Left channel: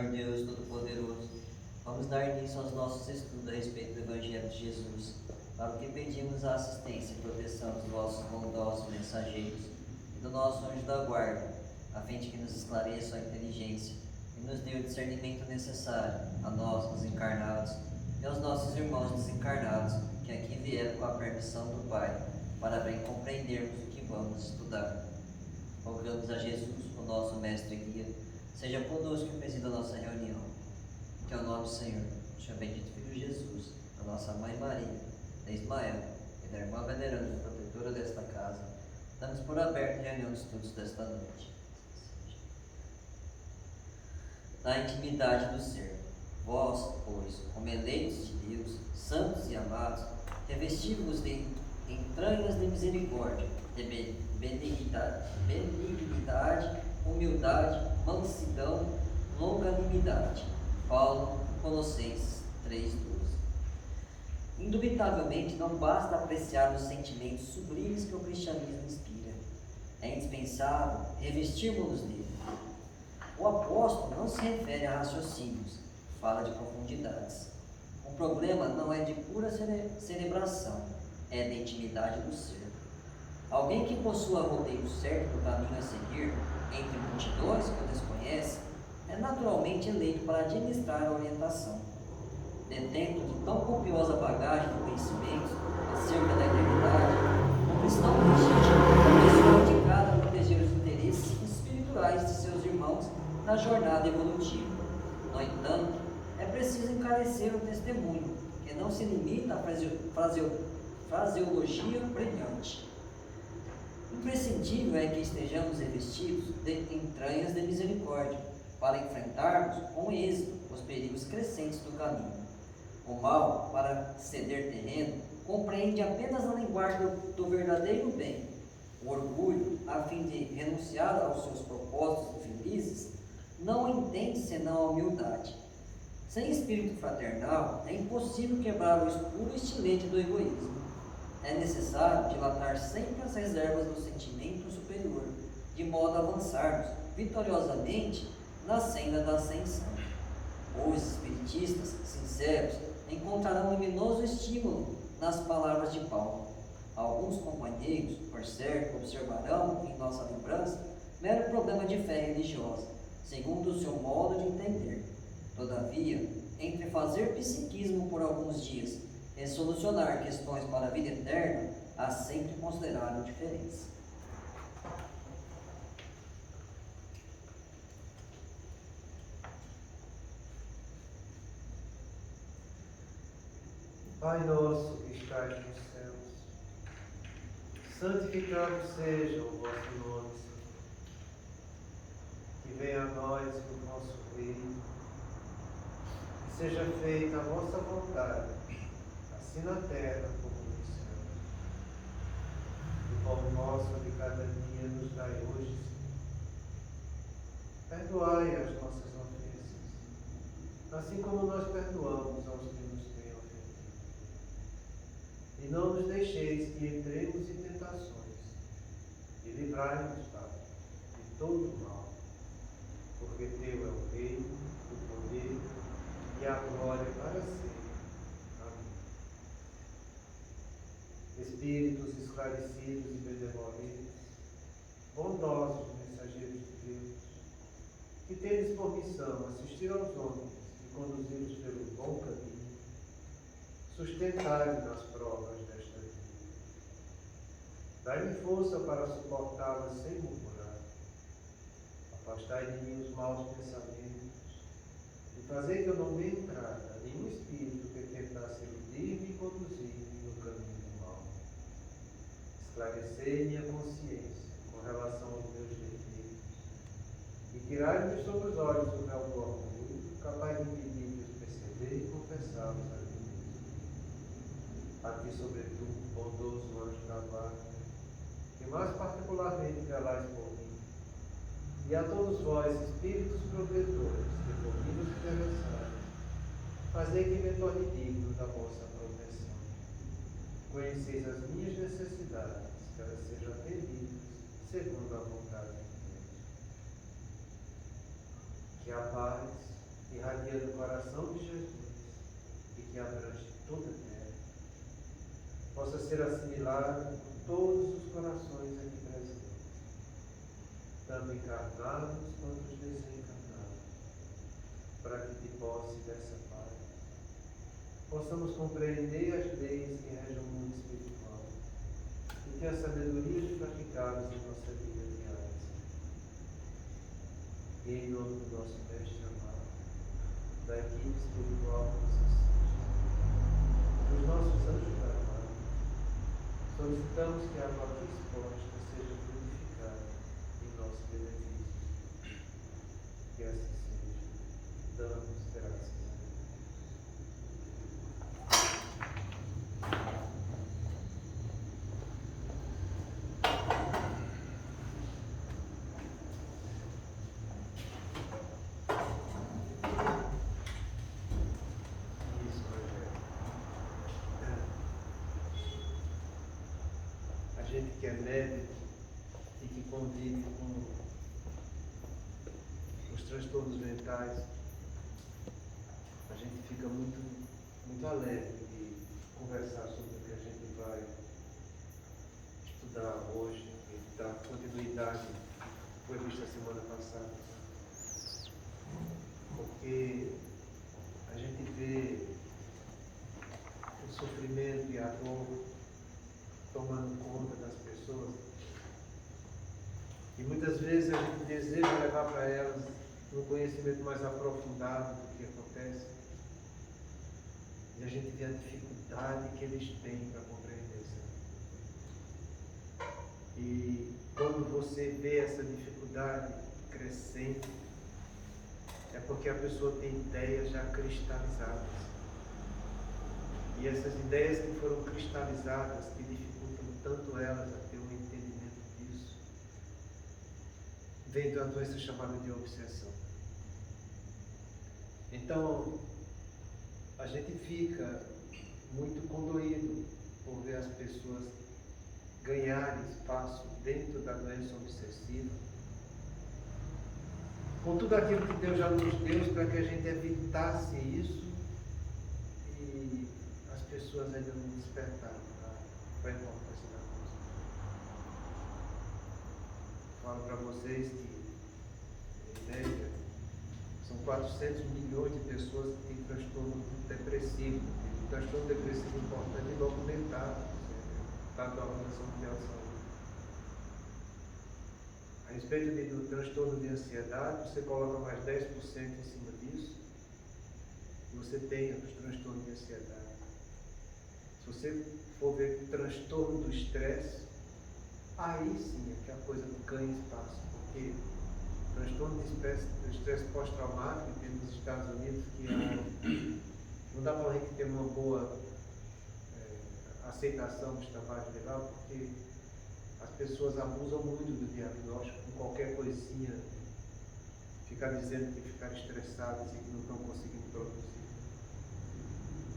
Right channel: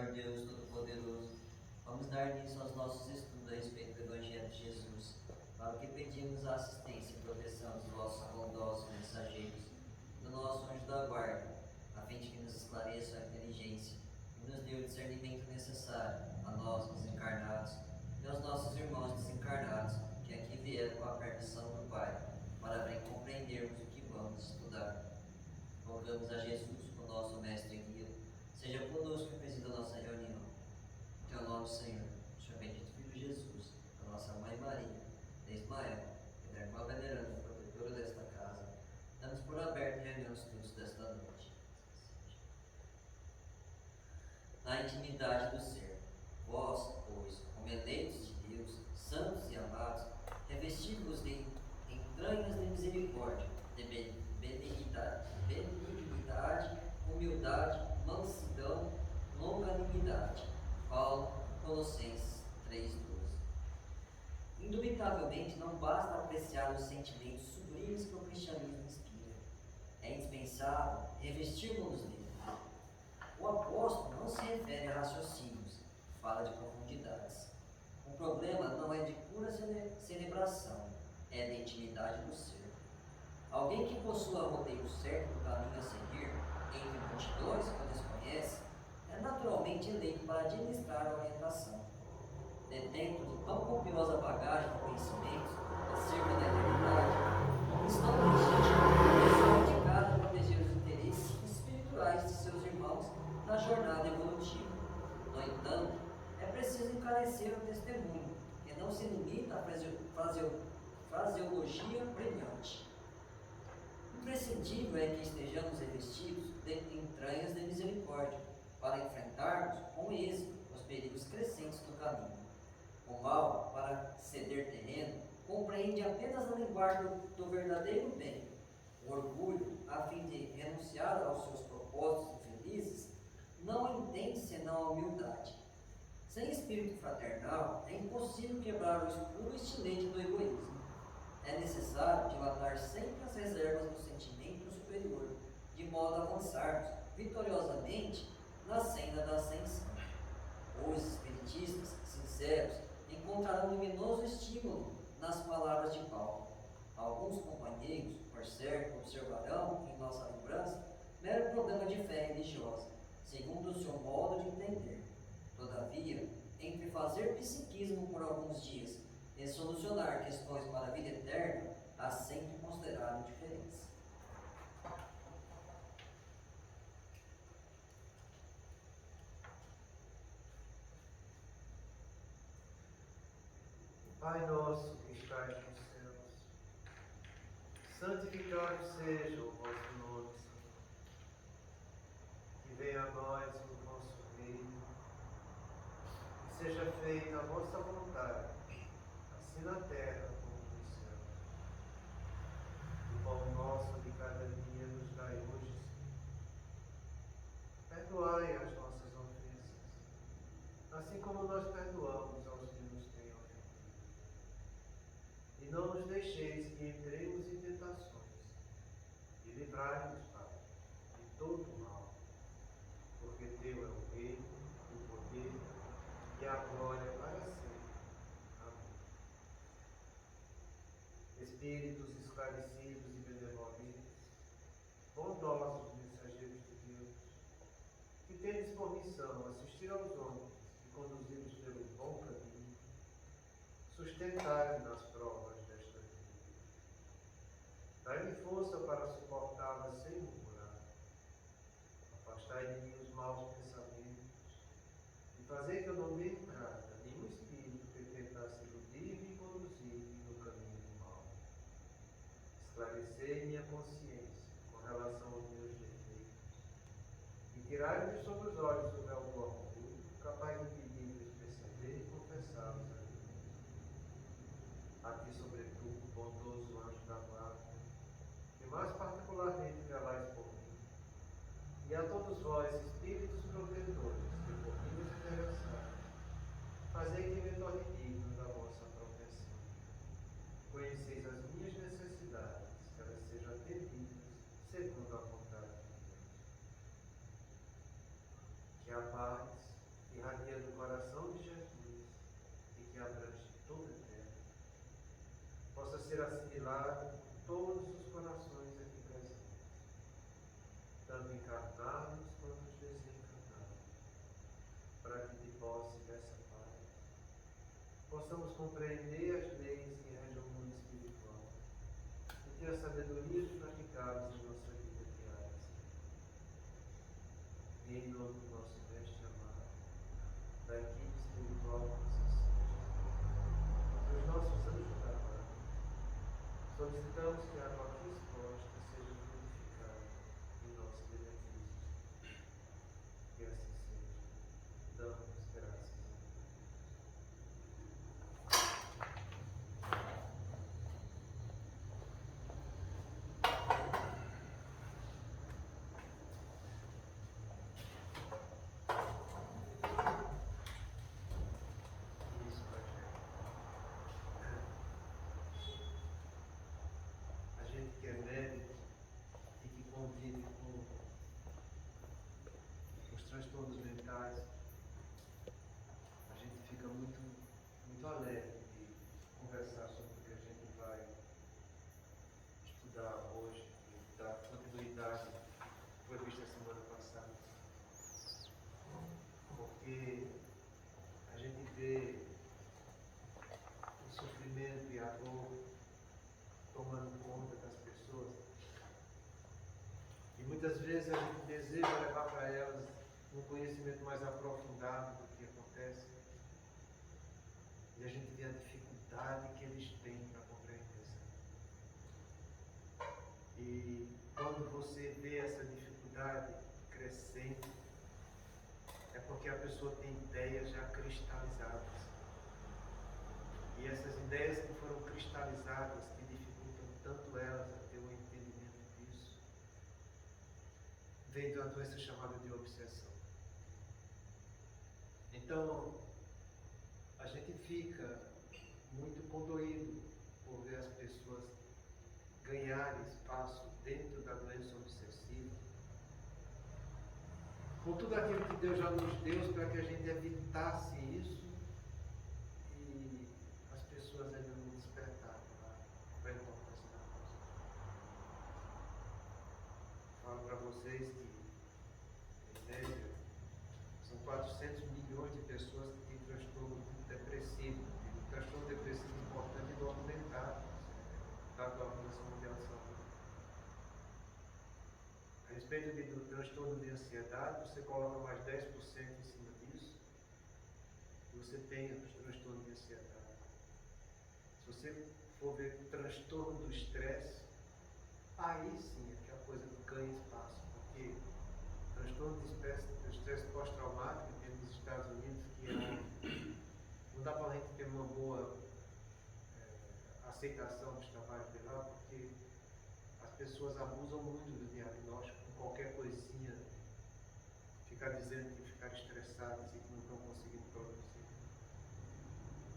Senhor Deus Todo-Poderoso, vamos dar início aos nossos estudos a respeito do Evangelho de Jesus, para o que pedimos a assistência e proteção dos vossos bondosos mensageiros e do nosso anjo da guarda, a fim de que nos esclareçam a inteligência e nos dê o discernimento necessário a nós, os encarnados, e aos nossos irmãos desencarnados, que aqui vieram com a permissão do Pai, para bem compreendermos o que vamos estudar. Rogamos a Jesus, o nosso mestre e guia, seja conosco e presida a nossa reunião. Que ao nome do Senhor, do seu bendito Filho Jesus, da nossa Mãe Maria, da Ismael e da irmã veneranda protetora desta casa, damos por aberta a reunião de estudos desta noite. Na intimidade do ser, vós, pois, como eleitos de Deus, santos e amados, revesti-vos de entranhas de misericórdia, de benignidade, humildade, mansidão, longanimidade. Paulo, Colossenses 3:12. Indubitavelmente não basta apreciar os sentimentos sublimes que o cristianismo inspira. É indispensável revestirmos-nos dele. O apóstolo não se refere a raciocínios, fala de profundidades. O problema não é de pura celebração, é da intimidade do ser. Alguém que possua roteiro certo do caminho a seguir, entre multidões que o desconhece, é naturalmente eleito para administrar a orientação. Detento de tão copiosa bagagem de conhecimentos acerca da eternidade, o cristão legítimo é a pessoa indicada a proteger os interesses espirituais de seus irmãos na jornada evolutiva. No entanto, é preciso encarecer o testemunho, que não se limita à fraseologia brilhante. Imprescindível é que estejamos revestidos de entranhas de misericórdia, para enfrentarmos com êxito os perigos crescentes do caminho. O mal, para ceder terreno, compreende apenas a linguagem do verdadeiro bem. O orgulho, a fim de renunciar aos seus propósitos infelizes, não entende senão a humildade. Sem espírito fraternal, é impossível quebrar o escuro estilete do egoísmo. É necessário dilatar sempre as reservas do sentimento superior, de modo a avançarmos vitoriosamente na senda da ascensão. Os espiritistas sinceros encontrarão luminoso estímulo nas palavras de Paulo. Alguns companheiros, por certo, observarão em nossa lembrança mero problema de fé religiosa, segundo o seu modo de entender. Todavia, entre fazer psiquismo por alguns dias e solucionar questões para a vida eterna, há sempre considerável diferença. Pai nosso que estais nos céus, santificado seja o vosso nome, Senhor. Que venha a nós o vosso reino, que seja feita a vossa vontade, assim na terra como nos céus. O pão nosso de cada dia nos dai hoje, Senhor. Perdoai as nossas ofensas, assim como nós perdoamos aos que nos têm ofendido. E não nos deixeis que entremos em tentações, e livrai-nos, Pai, de todo o mal, porque Teu é o reino, o poder e a glória para sempre. Amém. Espíritos esclarecidos e benevolentes, bondosos mensageiros de Deus, que tendes por missão assistir aos homens e conduzi-los pelo bom caminho, sustentai-me nas provas desta vida. Dai-me força para suportá-las sem murmurar. Afastai de mim os maus pensamentos e fazei que eu não dê entrada a nenhum espírito que tentasse iludir-me e conduzir-me no caminho do mal. Esclarecei minha consciência com relação aos meus defeitos e tirai-me sobre os olhos o véu do orgulho, capaz de impedir de os perceber e confessá-los a mim mesmo. A ti, sobretudo, bondoso anjo da guarda, que mais particularmente velais por mim, e a todos vós, espíritos protetores, que por mim nos interessais, fazei que me torne digno da vossa proteção. Conheceis as minhas necessidades, que elas sejam atendidas segundo a vontade de Deus. Que a paz ser assimilada por todos os corações aqui presentes, tanto encarnados quanto os desencarnados, para que de posse dessa paz possamos compreender as leis que regem o mundo espiritual e que a sabedoria praticada em nossa vida diária. E em nome do nosso Mestre amado, da equipe espiritual que nos assiste, dos nossos anjos da guarda, solicitamos que a nossa resposta seja purificada em nosso benefício. Que assim seja. Damos graças a Deus. Isso, Rogério. A gente que é médico e que convive com os transtornos mentais, a gente fica muito alegre de conversar sobre o que a gente vai estudar hoje e dar continuidade que foi vista a semana passada. Porque a gente vê o sofrimento e a dor tomando conta das pessoas. E muitas vezes a gente deseja levar para elas um conhecimento mais aprofundado do que acontece. E a gente vê a dificuldade que eles têm para compreender isso. E quando você vê essa dificuldade crescente, é porque a pessoa tem ideias já cristalizadas. E essas ideias que foram cristalizadas, que dificultam tanto elas a ter um entendimento disso, vem de uma doença chamada de obsessão. Então, a gente fica muito condoído por ver as pessoas ganharem espaço dentro da doença obsessiva, com tudo aquilo que Deus já nos deu para que a gente evitasse isso, e as pessoas ainda não despertaram para a importância da coisa. Falo para vocês que, em média, são 400 milhões de pessoas que têm transtorno depressivo. Tem um transtorno depressivo importante e documentado, está da Organização Mundial de Saúde. A respeito do transtorno de ansiedade, você coloca mais 10% em cima disso e você tem os transtornos de ansiedade. Se você for ver transtorno do estresse, aí sim é que a coisa ganha espaço, porque o transtorno do estresse pós-traumático tem nos Estados Unidos que não dá para a gente ter uma boa aceitação dos trabalhos de lá, porque as pessoas abusam muito do diagnóstico, com qualquer coisinha, ficar dizendo que ficaram estressadas e que não estão conseguindo produzir.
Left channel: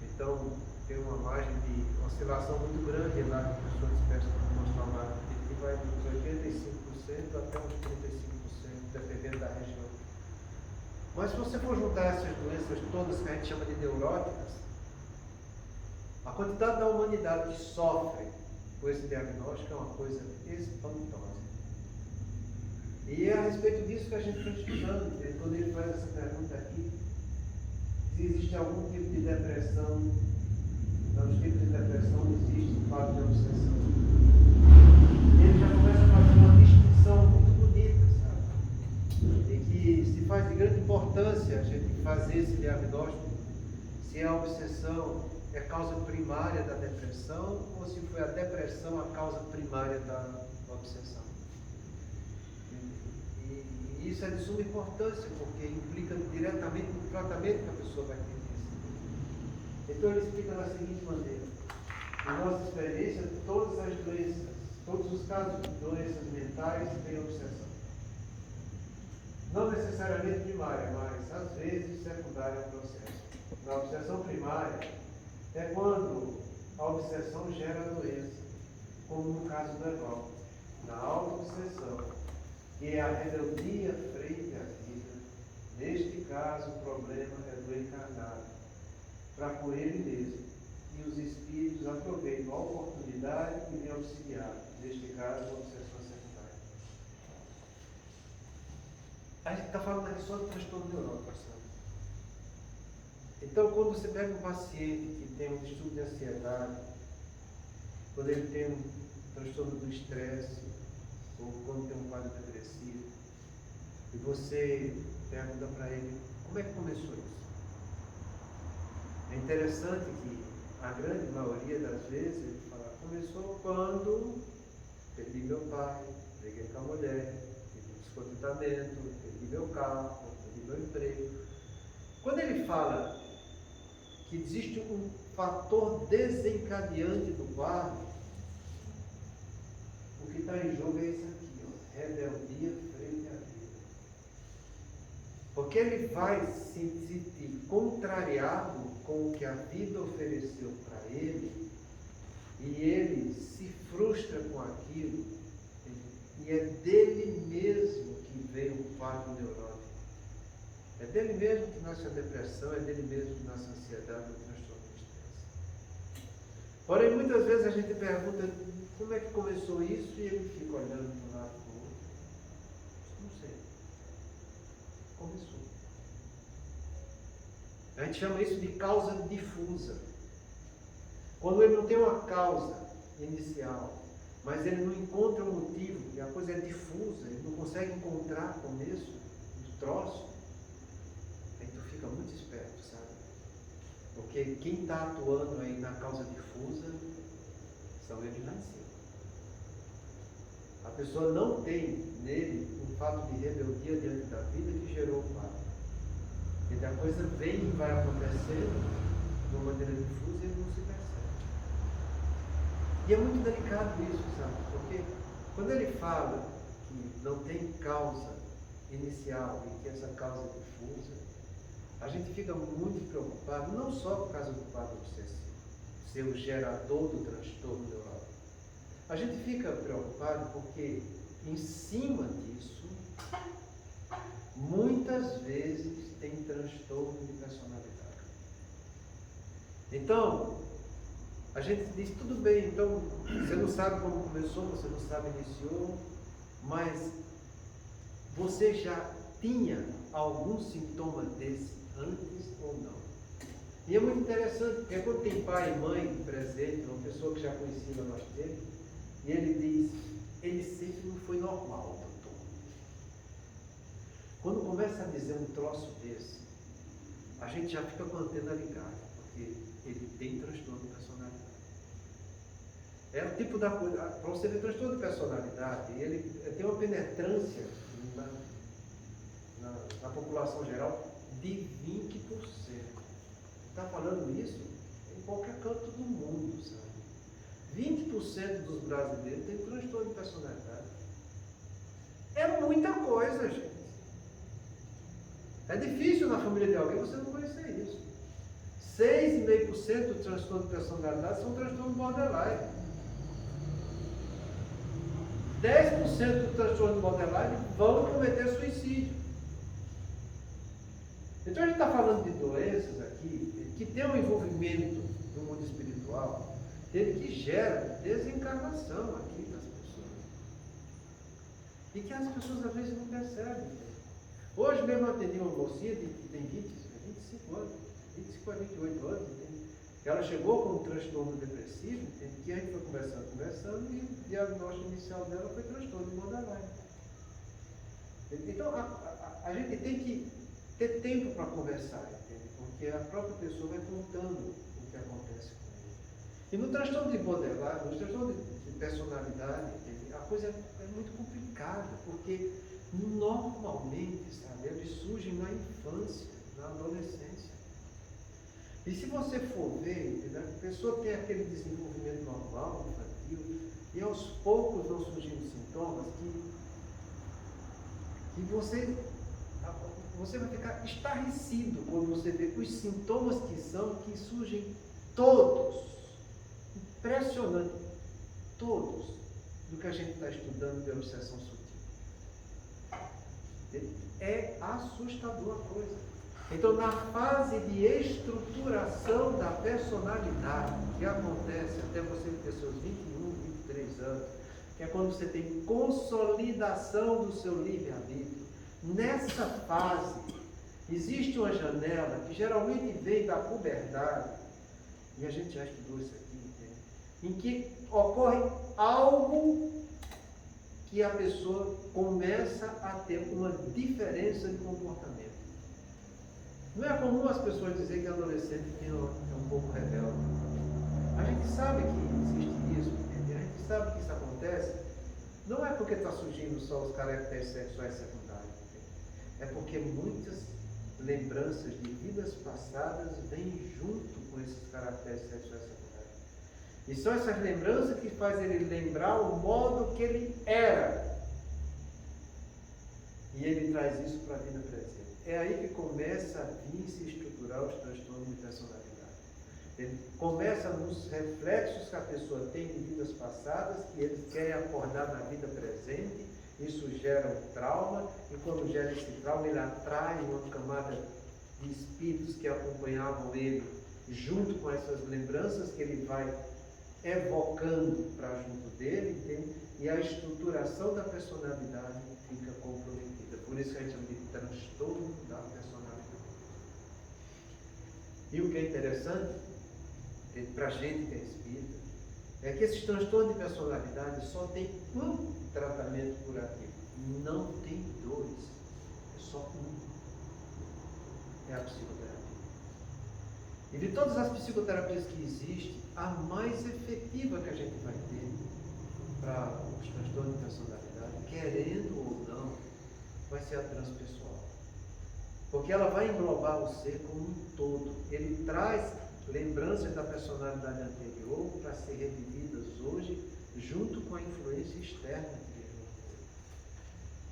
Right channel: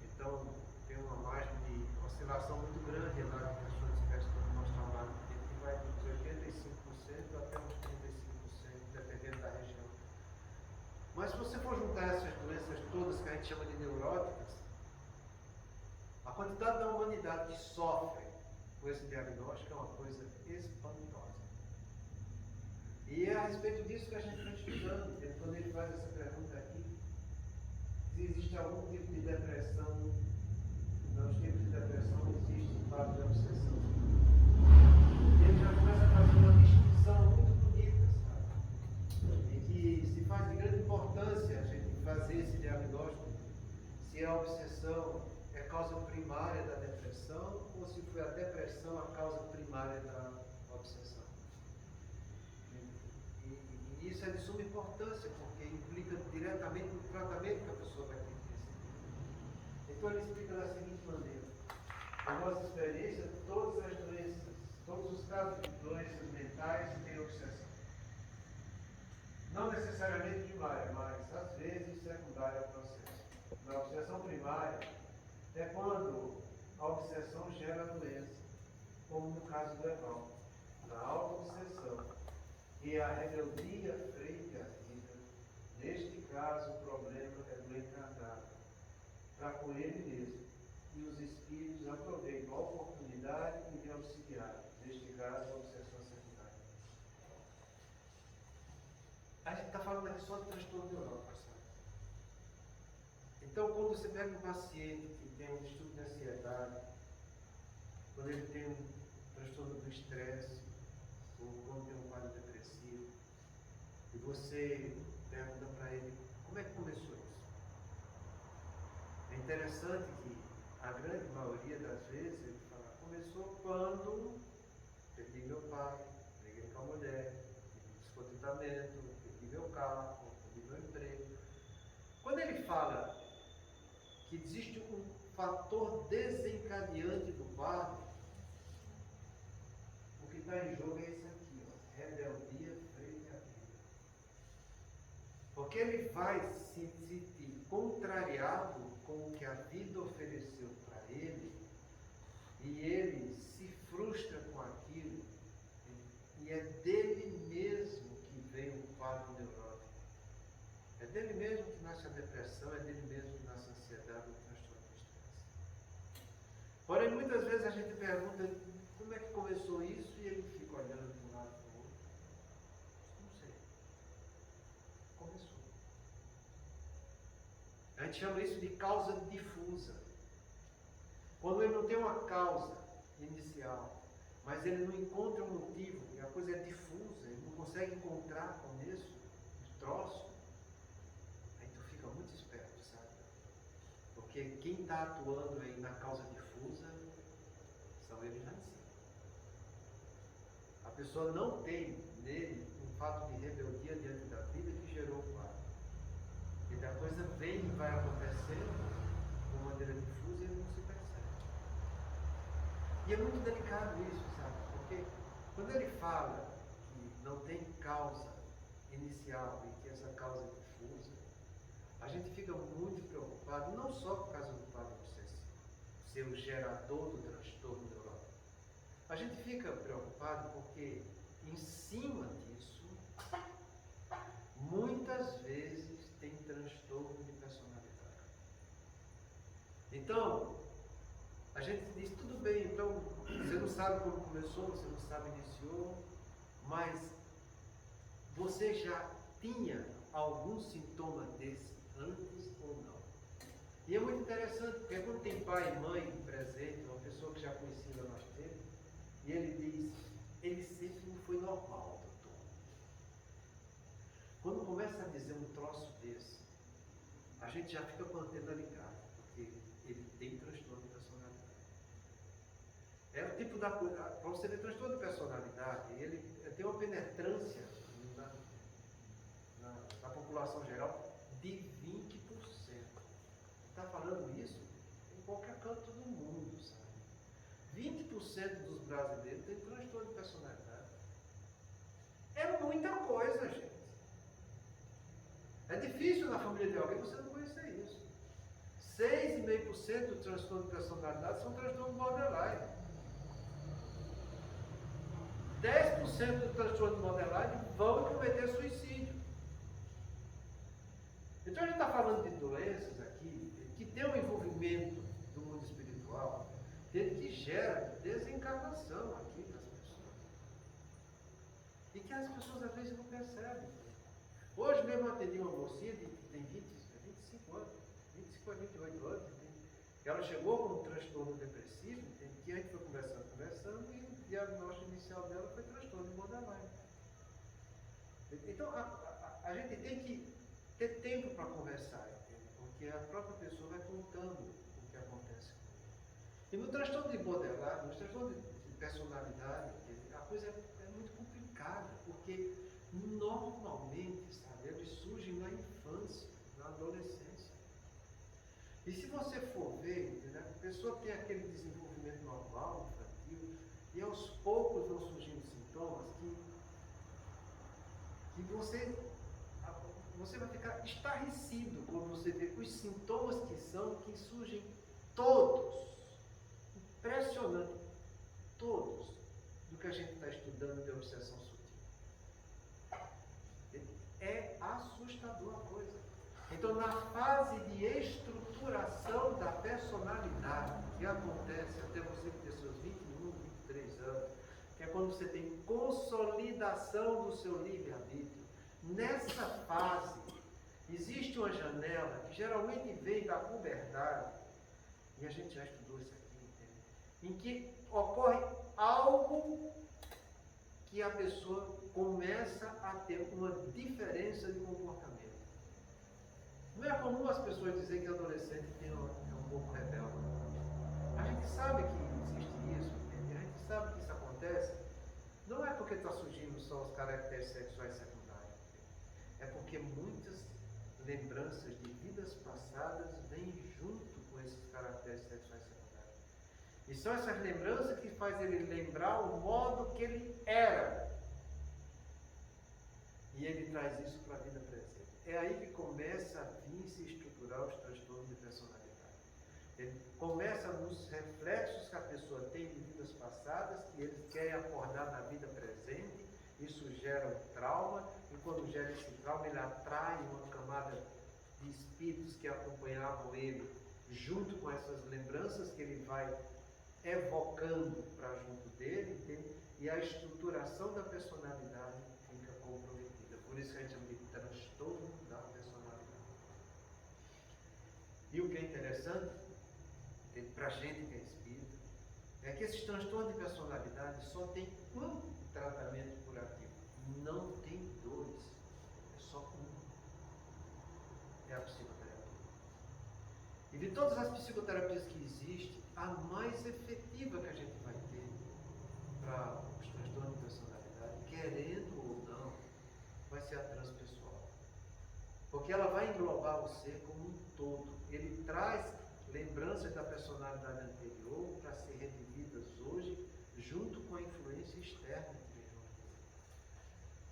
Então, tem uma margem de oscilação muito grande lá de pessoas de espécie pós-traumática, que vai dos 85% até uns 35%, dependendo da região. Mas se você for juntar essas doenças todas que a gente chama de neuróticas, a quantidade da humanidade que sofre com esse diagnóstico é uma coisa espantosa. E é a respeito disso que a gente está estudando. Quando ele faz essa pergunta aqui, se existe algum tipo de depressão, não, os tipos de depressão existem, quadro de obsessão. Ele já começa a fazer uma distinção muito bonita, sabe? E que se faz de grande importância a gente fazer esse diagnóstico, se a obsessão é causa primária da depressão ou se foi a depressão a causa primária da obsessão. E isso é de suma importância, porque implica diretamente no tratamento que a pessoa vai ter que receber. Então ele explica da seguinte maneira: na nossa experiência, todas as doenças, todos os casos de doenças mentais têm obsessão. Não necessariamente primária, mas às vezes secundária ao processo. Na obsessão primária é quando a obsessão gera a doença, como no caso do Evaldo. Na auto-obsessão, que é a rebeldia frente à vida, neste caso o problema é do encarnado, para com ele mesmo, e que os espíritos aproveitam a oportunidade e me auxiliar, neste caso, a obsessão secundária. A gente está falando aqui só de transtorno neurótico, sabe? Então, quando você pega um paciente que tem um distúrbio de ansiedade, quando ele tem um transtorno do estresse, ou quando tem um quadro depressivo, e você pergunta para ele, como é que começou isso? É interessante que a grande maioria das vezes ele fala, começou quando perdi meu pai, briguei com a mulher, tive um descontentamento, perdi meu carro, perdi meu emprego. Quando ele fala que existe um fator desencadeante do quadro, o que está em jogo é isso aqui, ó, rebeldia frente à vida. Porque ele vai se sentir contrariado com o que a vida ofereceu para ele, e ele se frustra com aquilo, e é dele mesmo que vem o quadro neurótico. É dele mesmo que nasce a depressão, é dele mesmo que nasce a ansiedade, o transtorno do estresse. Porém, muitas vezes a gente pergunta como é que começou isso, e ele fica olhando de um lado para o outro. Não sei. Começou. A gente chama isso de causa difusa. Quando ele não tem uma causa inicial, mas ele não encontra um motivo, e a coisa é difusa, ele não consegue encontrar começo do troço, aí tu fica muito esperto, sabe? Porque quem está atuando aí na causa difusa são eles lá em cima. A pessoa não tem nele um fato de rebeldia diante da vida que gerou o quadro. E a coisa vem e vai acontecendo de uma maneira difusa e ele não se percebe. E é muito delicado isso, sabe? Porque quando ele fala que não tem causa inicial e que essa causa é difusa, a gente fica muito preocupado, não só por causa do quadro obsessivo, ser o gerador do transtorno neurótico. A gente fica preocupado porque, em cima disso, muitas vezes tem transtorno de personalidade. Então, a gente diz, tudo bem, então, você não sabe como começou, você não sabe iniciou, mas você já tinha algum sintoma desse antes ou não? E é muito interessante, porque quando tem pai e mãe presente, uma pessoa que já conhecia há mais tempo, e ele diz, ele sempre não foi normal, doutor. Quando começa a dizer um troço desse, a gente já fica com a antena ligada, porque ele tem transtorno de personalidade. É o tipo da coisa, para você ver transtorno de personalidade, ele tem uma penetrância na população geral de 20%. Está falando isso em qualquer canto do mundo, sabe? 20% dos brasileiros têm transtorno de personalidade. É muita coisa, gente. É difícil na família de alguém você não conhecer isso. 6,5% do transtorno de personalidade são transtornos borderline. 10% do transtorno de borderline vão cometer suicídio. Então a gente está falando de doenças aqui que tem um envolvimento no mundo espiritual, que gera desencarnação aqui das pessoas. E que as pessoas às vezes não percebem. Hoje mesmo eu atendi uma mocinha que tem 25 anos, 25 a 28 anos, entende? Ela chegou com um transtorno depressivo, entende? Que a gente foi conversando, e o diagnóstico inicial dela foi transtorno de borderline. Então a gente tem que ter tempo para conversar, entende? Porque a própria pessoa vai contando o que acontece com ela. E no transtorno de borderline, no transtorno de personalidade, entende? A coisa é muito complicada, porque normalmente, sabe, eles surgem na infância, na adolescência. E se você for ver, entendeu? A pessoa tem aquele desenvolvimento normal, infantil, e aos poucos vão surgindo sintomas que você vai ficar estarrecido quando você vê os sintomas que surgem todos, impressionante, todos, do que a gente está estudando de obsessão sutil. É assustador a coisa. Então, na fase de estruturação da personalidade, que acontece até você ter seus 21, 23 anos, que é quando você tem consolidação do seu livre-arbítrio, nessa fase, existe uma janela que geralmente vem da puberdade, e a gente já estudou isso aqui, entende? Em que ocorre algo que a pessoa começa a ter uma diferença de comportamento. Não é comum as pessoas dizer que adolescente é um pouco rebelde. A gente sabe que existe isso, entende? A gente sabe que isso acontece. Não é porque está surgindo só os caracteres sexuais secundários, entende? É porque muitas lembranças de vidas passadas vêm junto com esses caracteres sexuais secundários. E são essas lembranças que fazem ele lembrar o modo que ele era. E ele traz isso para a vida presente. É aí que começa a vir se estruturar os transtornos de personalidade. Ele começa nos reflexos que a pessoa tem de vidas passadas, que ele quer acordar na vida presente. Isso gera um trauma, e quando gera esse trauma, ele atrai uma camada de espíritos que acompanhavam ele, junto com essas lembranças que ele vai evocando para junto dele, entende? E a estruturação da personalidade fica comprometida. Por isso que a gente chama de transtorno da personalidade. E o que é interessante, para a gente que é espírita, é que esses transtornos de personalidade só tem um tratamento curativo. Não tem dois. É só um. É a psicoterapia. E de todas as psicoterapias que existem, a mais efetiva que a gente vai ter para os transtornos de personalidade, querendo ou não, vai ser a transpessoal. Porque ela vai englobar o ser como um todo. Ele traz lembranças da personalidade anterior para ser revividas hoje, junto com a influência externa que vem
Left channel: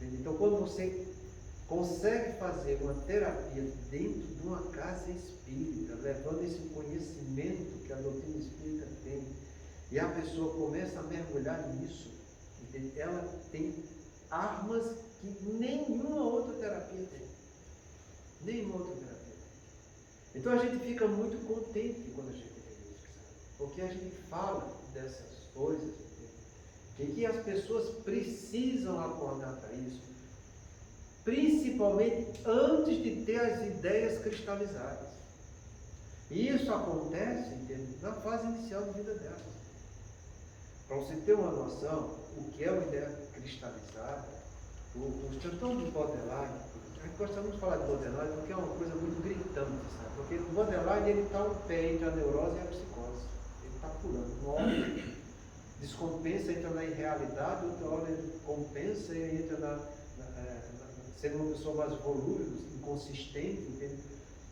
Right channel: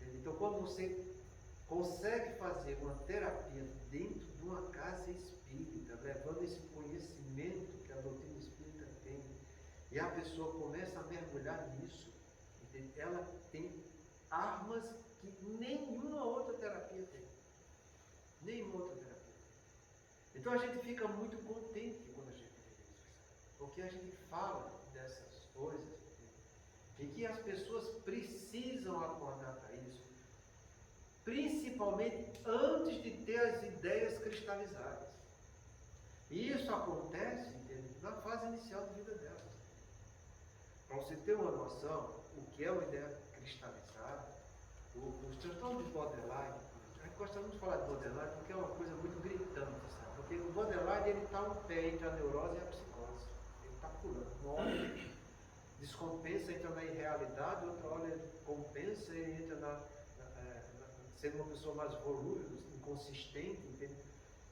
junto. Então, quando você consegue fazer uma terapia dentro de uma casa espírita, levando esse conhecimento que a doutrina espírita tem, e a pessoa começa a mergulhar nisso, entende? Ela tem armas que nenhuma outra terapia tem. Nenhuma outra terapia tem. Então a gente fica muito contente quando a gente vê isso, sabe? Porque a gente fala dessas coisas, entende? E que as pessoas precisam acordar para isso, principalmente antes de ter as ideias cristalizadas. E isso acontece, entende? Na fase inicial da vida delas. Para você ter uma noção, o que é uma ideia cristalizada, os transtornos de borderline, a gente gosta muito de falar de borderline porque é uma coisa muito gritante, sabe? Porque o borderline ele está um pé entre a neurose e a psicose. Ele está pulando. Uma hora ele descompensa, entra na irrealidade, outra hora ele compensa e entra sendo uma pessoa mais volúvel, inconsistente, entende?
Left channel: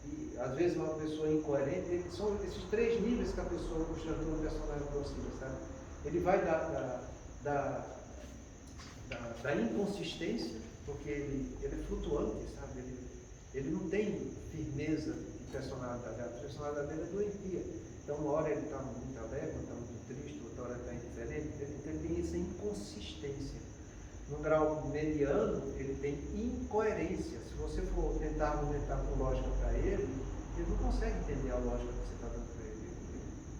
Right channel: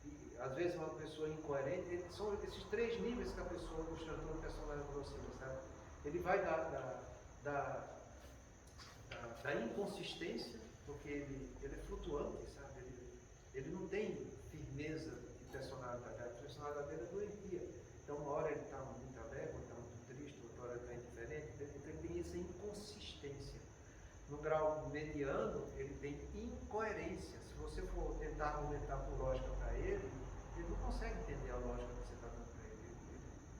E às vezes uma pessoa incoerente. São esses três níveis que a pessoa, o transtorno de personalidade oscila, sabe? Ele vai da inconsistência, porque ele é flutuante, sabe? Ele não tem firmeza de personalidade. A personalidade dele é doentia. Então, uma hora ele está muito alegre, está muito triste, outra hora está indiferente. Então, ele tem essa inconsistência. No grau mediano, ele tem incoerência. Se você for tentar argumentar com lógica para ele não consegue entender a lógica que você está dando para ele.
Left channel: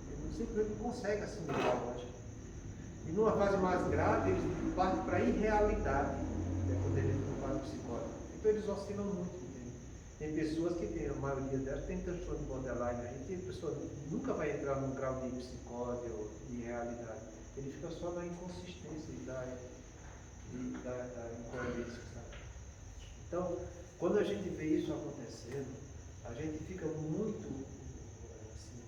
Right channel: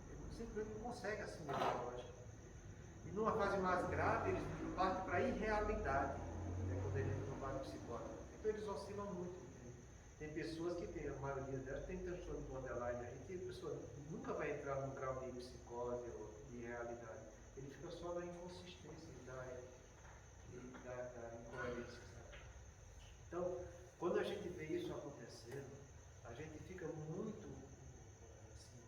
Ele simplesmente não consegue assimilar a lógica. E numa fase mais grave, ele parte para a irrealidade, quando ele entra no quadro psicótico. Então eles oscilam muito, entende? Tem pessoas que tem, a maioria delas tem transtorno de borderline aí, que a pessoa nunca vai entrar num grau de psicose ou de irrealidade. Ele fica só na inconsistência da incoerência, sabe? Então, quando a gente vê isso acontecendo, a gente fica muito assim,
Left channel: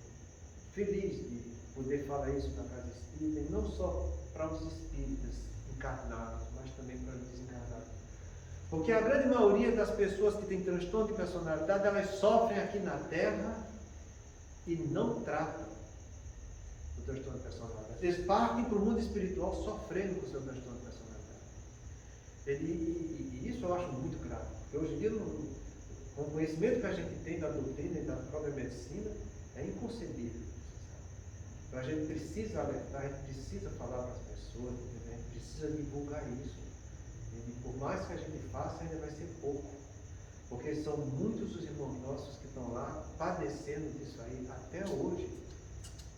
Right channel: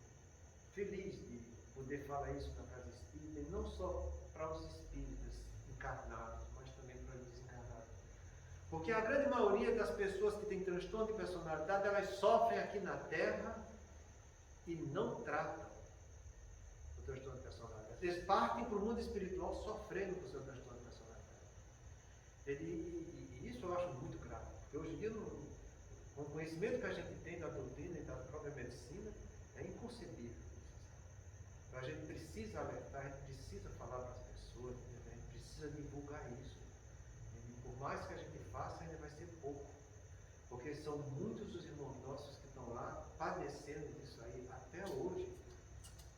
feliz de poder falar isso na casa espírita, e não só para os espíritas encarnados, mas também para os desencarnados. Porque a grande maioria das pessoas que têm transtorno de personalidade, elas sofrem aqui na Terra e não tratam o transtorno de personalidade. Eles partem para o mundo espiritual sofrendo com o seu transtorno de personalidade. E isso eu acho muito grave. Porque hoje em dia, com o conhecimento que a gente tem da doutrina e da própria medicina, é inconcebível. Então a gente precisa alertar, a gente precisa falar para as pessoas, a gente precisa divulgar isso. E por mais que a gente faça, ainda vai ser pouco. Porque são muitos os irmãos nossos que estão lá padecendo disso aí até hoje,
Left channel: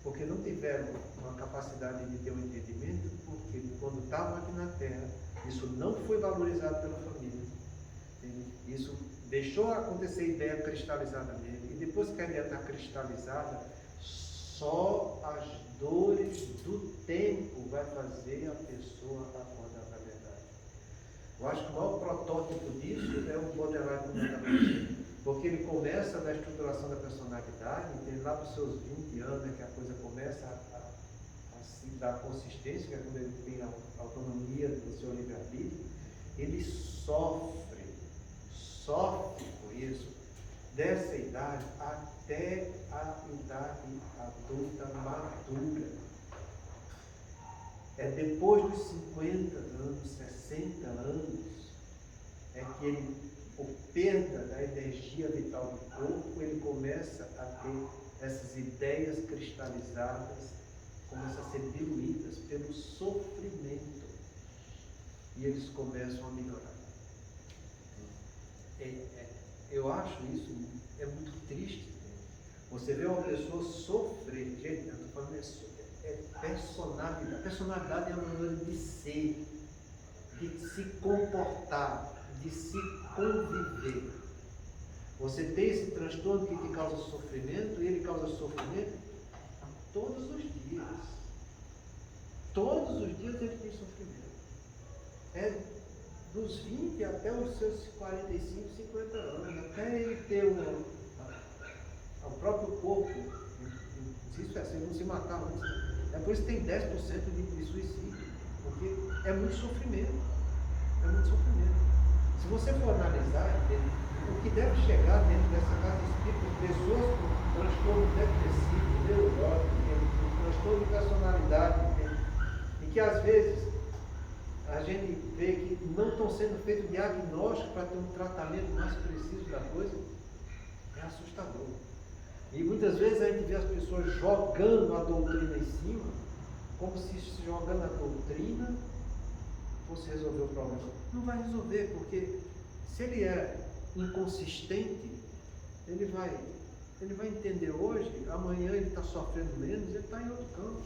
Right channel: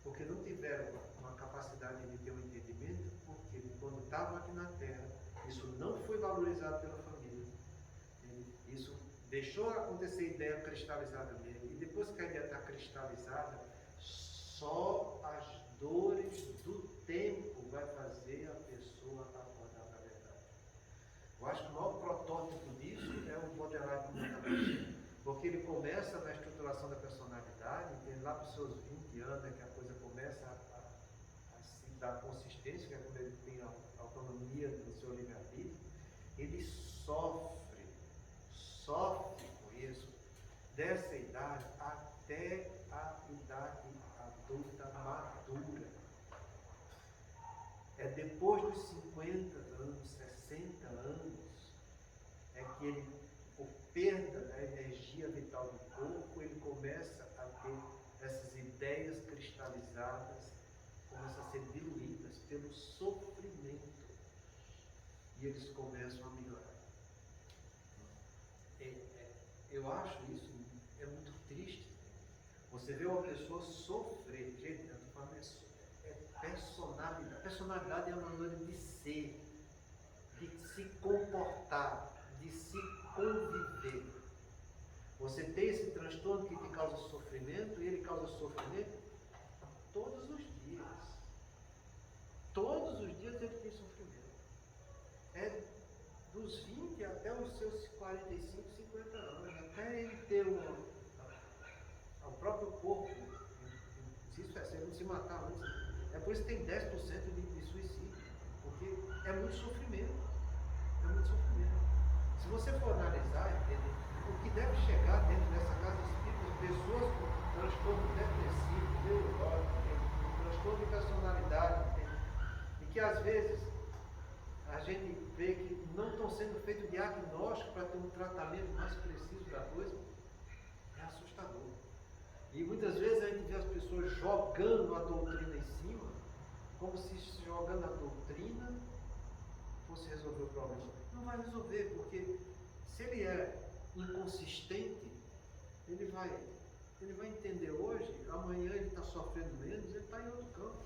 porque não tiveram uma capacidade de ter um entendimento, porque quando estavam aqui na Terra, isso não foi valorizado pela família. Entende? Isso deixou acontecer a ideia cristalizada nele, e depois que a ideia está cristalizada, só as dores do tempo vai fazer a pessoa acordar para a verdade. Eu acho que o maior protótipo disso é o Baudelaire, como eu estava dizendo, porque ele começa na estruturação da personalidade, entende? Lá para os seus 20 anos é que a coisa começa a se dar consistência, que é quando ele tem a autonomia do seu livre-arbítrio. Ele sofre por isso, dessa idade até a idade adulta madura. É depois dos 50 anos, 60 anos, é que ele, por perda da energia vital do corpo, ele começa a ter essas ideias cristalizadas, começam a ser diluídas pelo sofrimento, e eles começam a melhorar. Eu acho isso muito triste. Você vê uma pessoa sofrer, gente, eu estou falando isso, personalidade. A personalidade é a maneira de ser, de se comportar, de se conviver. Você tem esse transtorno que causa sofrimento, e ele causa sofrimento todos os dias. Todos os dias ele tem sofrimento. É dos 20 até os seus 45, 50 anos, até ele ter o próprio corpo. Isso é, se ele não se matar antes. É por isso que tem 10% de suicídio, porque é muito sofrimento. É muito sofrimento. Se você for analisar, entende, o que deve chegar dentro dessa casa espírita, pessoas com transtorno depressivo, neurótico, com transtorno de personalidade, entende, e que às vezes a gente vê que não estão sendo feitos diagnósticos para ter um tratamento mais preciso da coisa, é assustador. E muitas vezes a gente vê as pessoas jogando a doutrina em cima, como se jogando a doutrina fosse resolver o problema. Não vai resolver, porque se ele é inconsistente, ele vai entender hoje, amanhã ele está sofrendo menos, ele está em outro campo.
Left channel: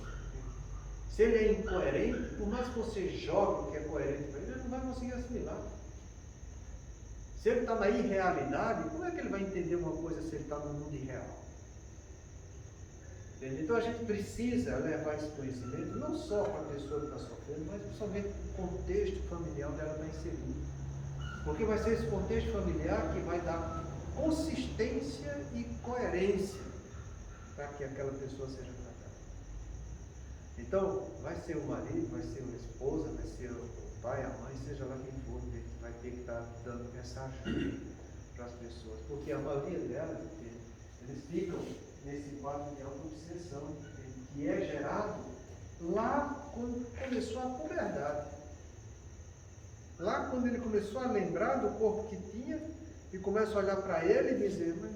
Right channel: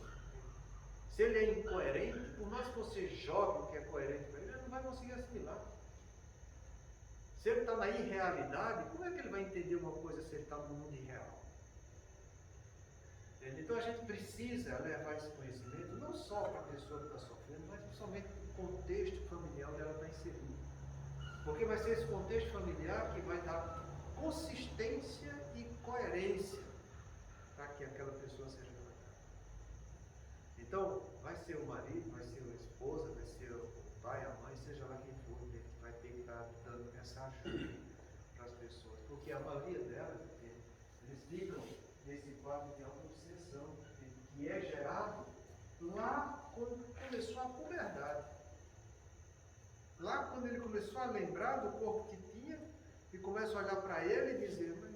Se ele é incoerente, por mais que você jogue o que é coerente para ele, ele não vai conseguir assimilar. Se ele está na irrealidade, como é que ele vai entender uma coisa se ele está no mundo irreal? Entende? Então a gente precisa levar esse conhecimento não só para a pessoa que está sofrendo, mas principalmente para o contexto familiar onde ela está inserida. Porque vai ser esse contexto familiar que vai dar consistência e coerência para que aquela pessoa seja tratada. Então, vai ser o marido, vai ser a esposa, vai ser o pai, a mãe, seja lá quem for, que vai ter que estar dando essa ajuda para as pessoas. Porque a maioria delas, eles ficam nesse quadro de auto-obsessão, que é gerado lá quando começou a puberdade. Lá quando ele começou a lembrar do corpo que tinha, e começa a olhar para ele e dizer, mas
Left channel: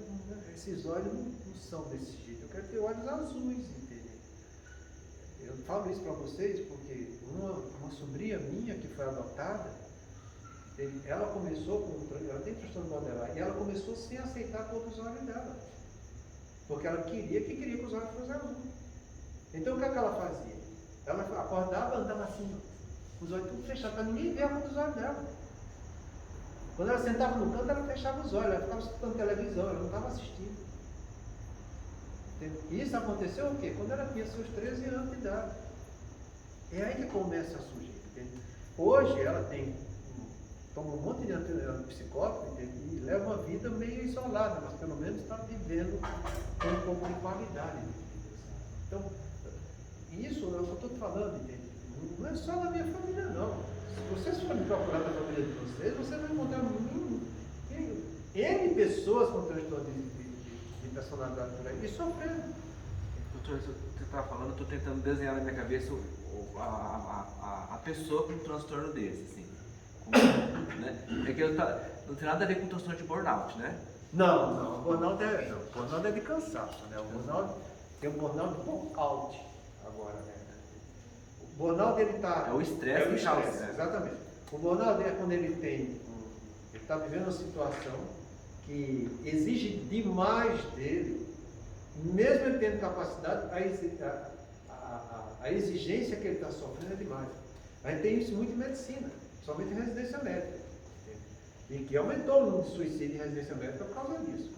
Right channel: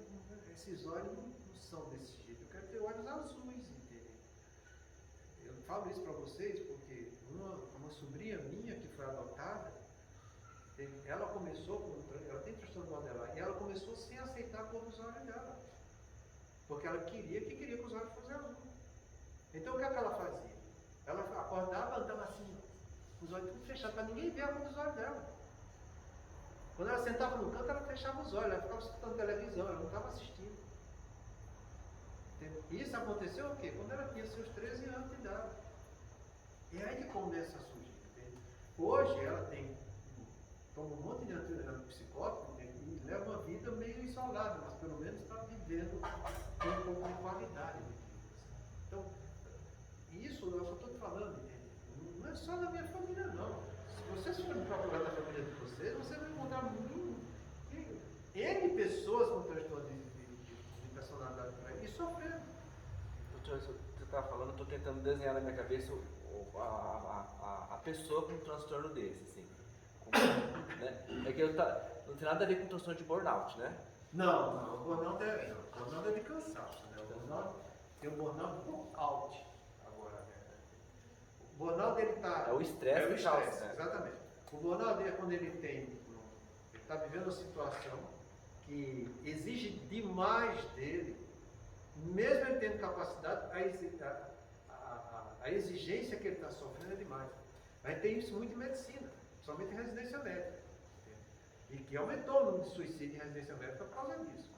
esses olhos não são desse jeito, eu quero ter olhos azuis, entendeu? Eu falo isso para vocês porque uma sobrinha minha que foi adotada, ela começou ela tem transtorno borderline, e ela começou sem aceitar a cor dos olhos dela, porque ela queria que os olhos fossem azuis. Então o que é que ela fazia? Ela acordava, andava assim, os olhos tudo fechados, para ninguém ver a cor dos olhos dela. Quando ela sentava no canto, ela fechava os olhos, ela ficava escutando televisão, ela não estava assistindo. E isso aconteceu o quê? Quando ela tinha seus 13 anos de idade. É aí que começa a surgir. Entende? Hoje ela toma um monte de antipsicótico, entende? E leva uma vida meio isolada, mas pelo menos está vivendo com um pouco de qualidade de vida. Sabe? Então, isso é o que eu estou falando, entende? Não é só na minha família, não. Se vocês forem procurar na família de vocês, você vai encontrar N pessoas com transtorno de personalidade por aí e sofrendo. Doutor, você estava falando, eu estou tentando desenhar na minha cabeça a pessoa com um transtorno desse, assim. Né? É que não tem nada a ver com transtorno de burnout, né? Não, o burnout é de cansaço, né? O burnout tem um burnout out agora, né? O burnout ele está. É o estresse que causa. Exatamente. O burnout é quando ele está vivendo uma situação que exige demais dele, mesmo ele tendo capacidade, a exigência que ele está sofrendo é demais. A gente tem isso muito em medicina, somente em residência médica. E que aumentou o número de suicídio em residência médica por causa disso.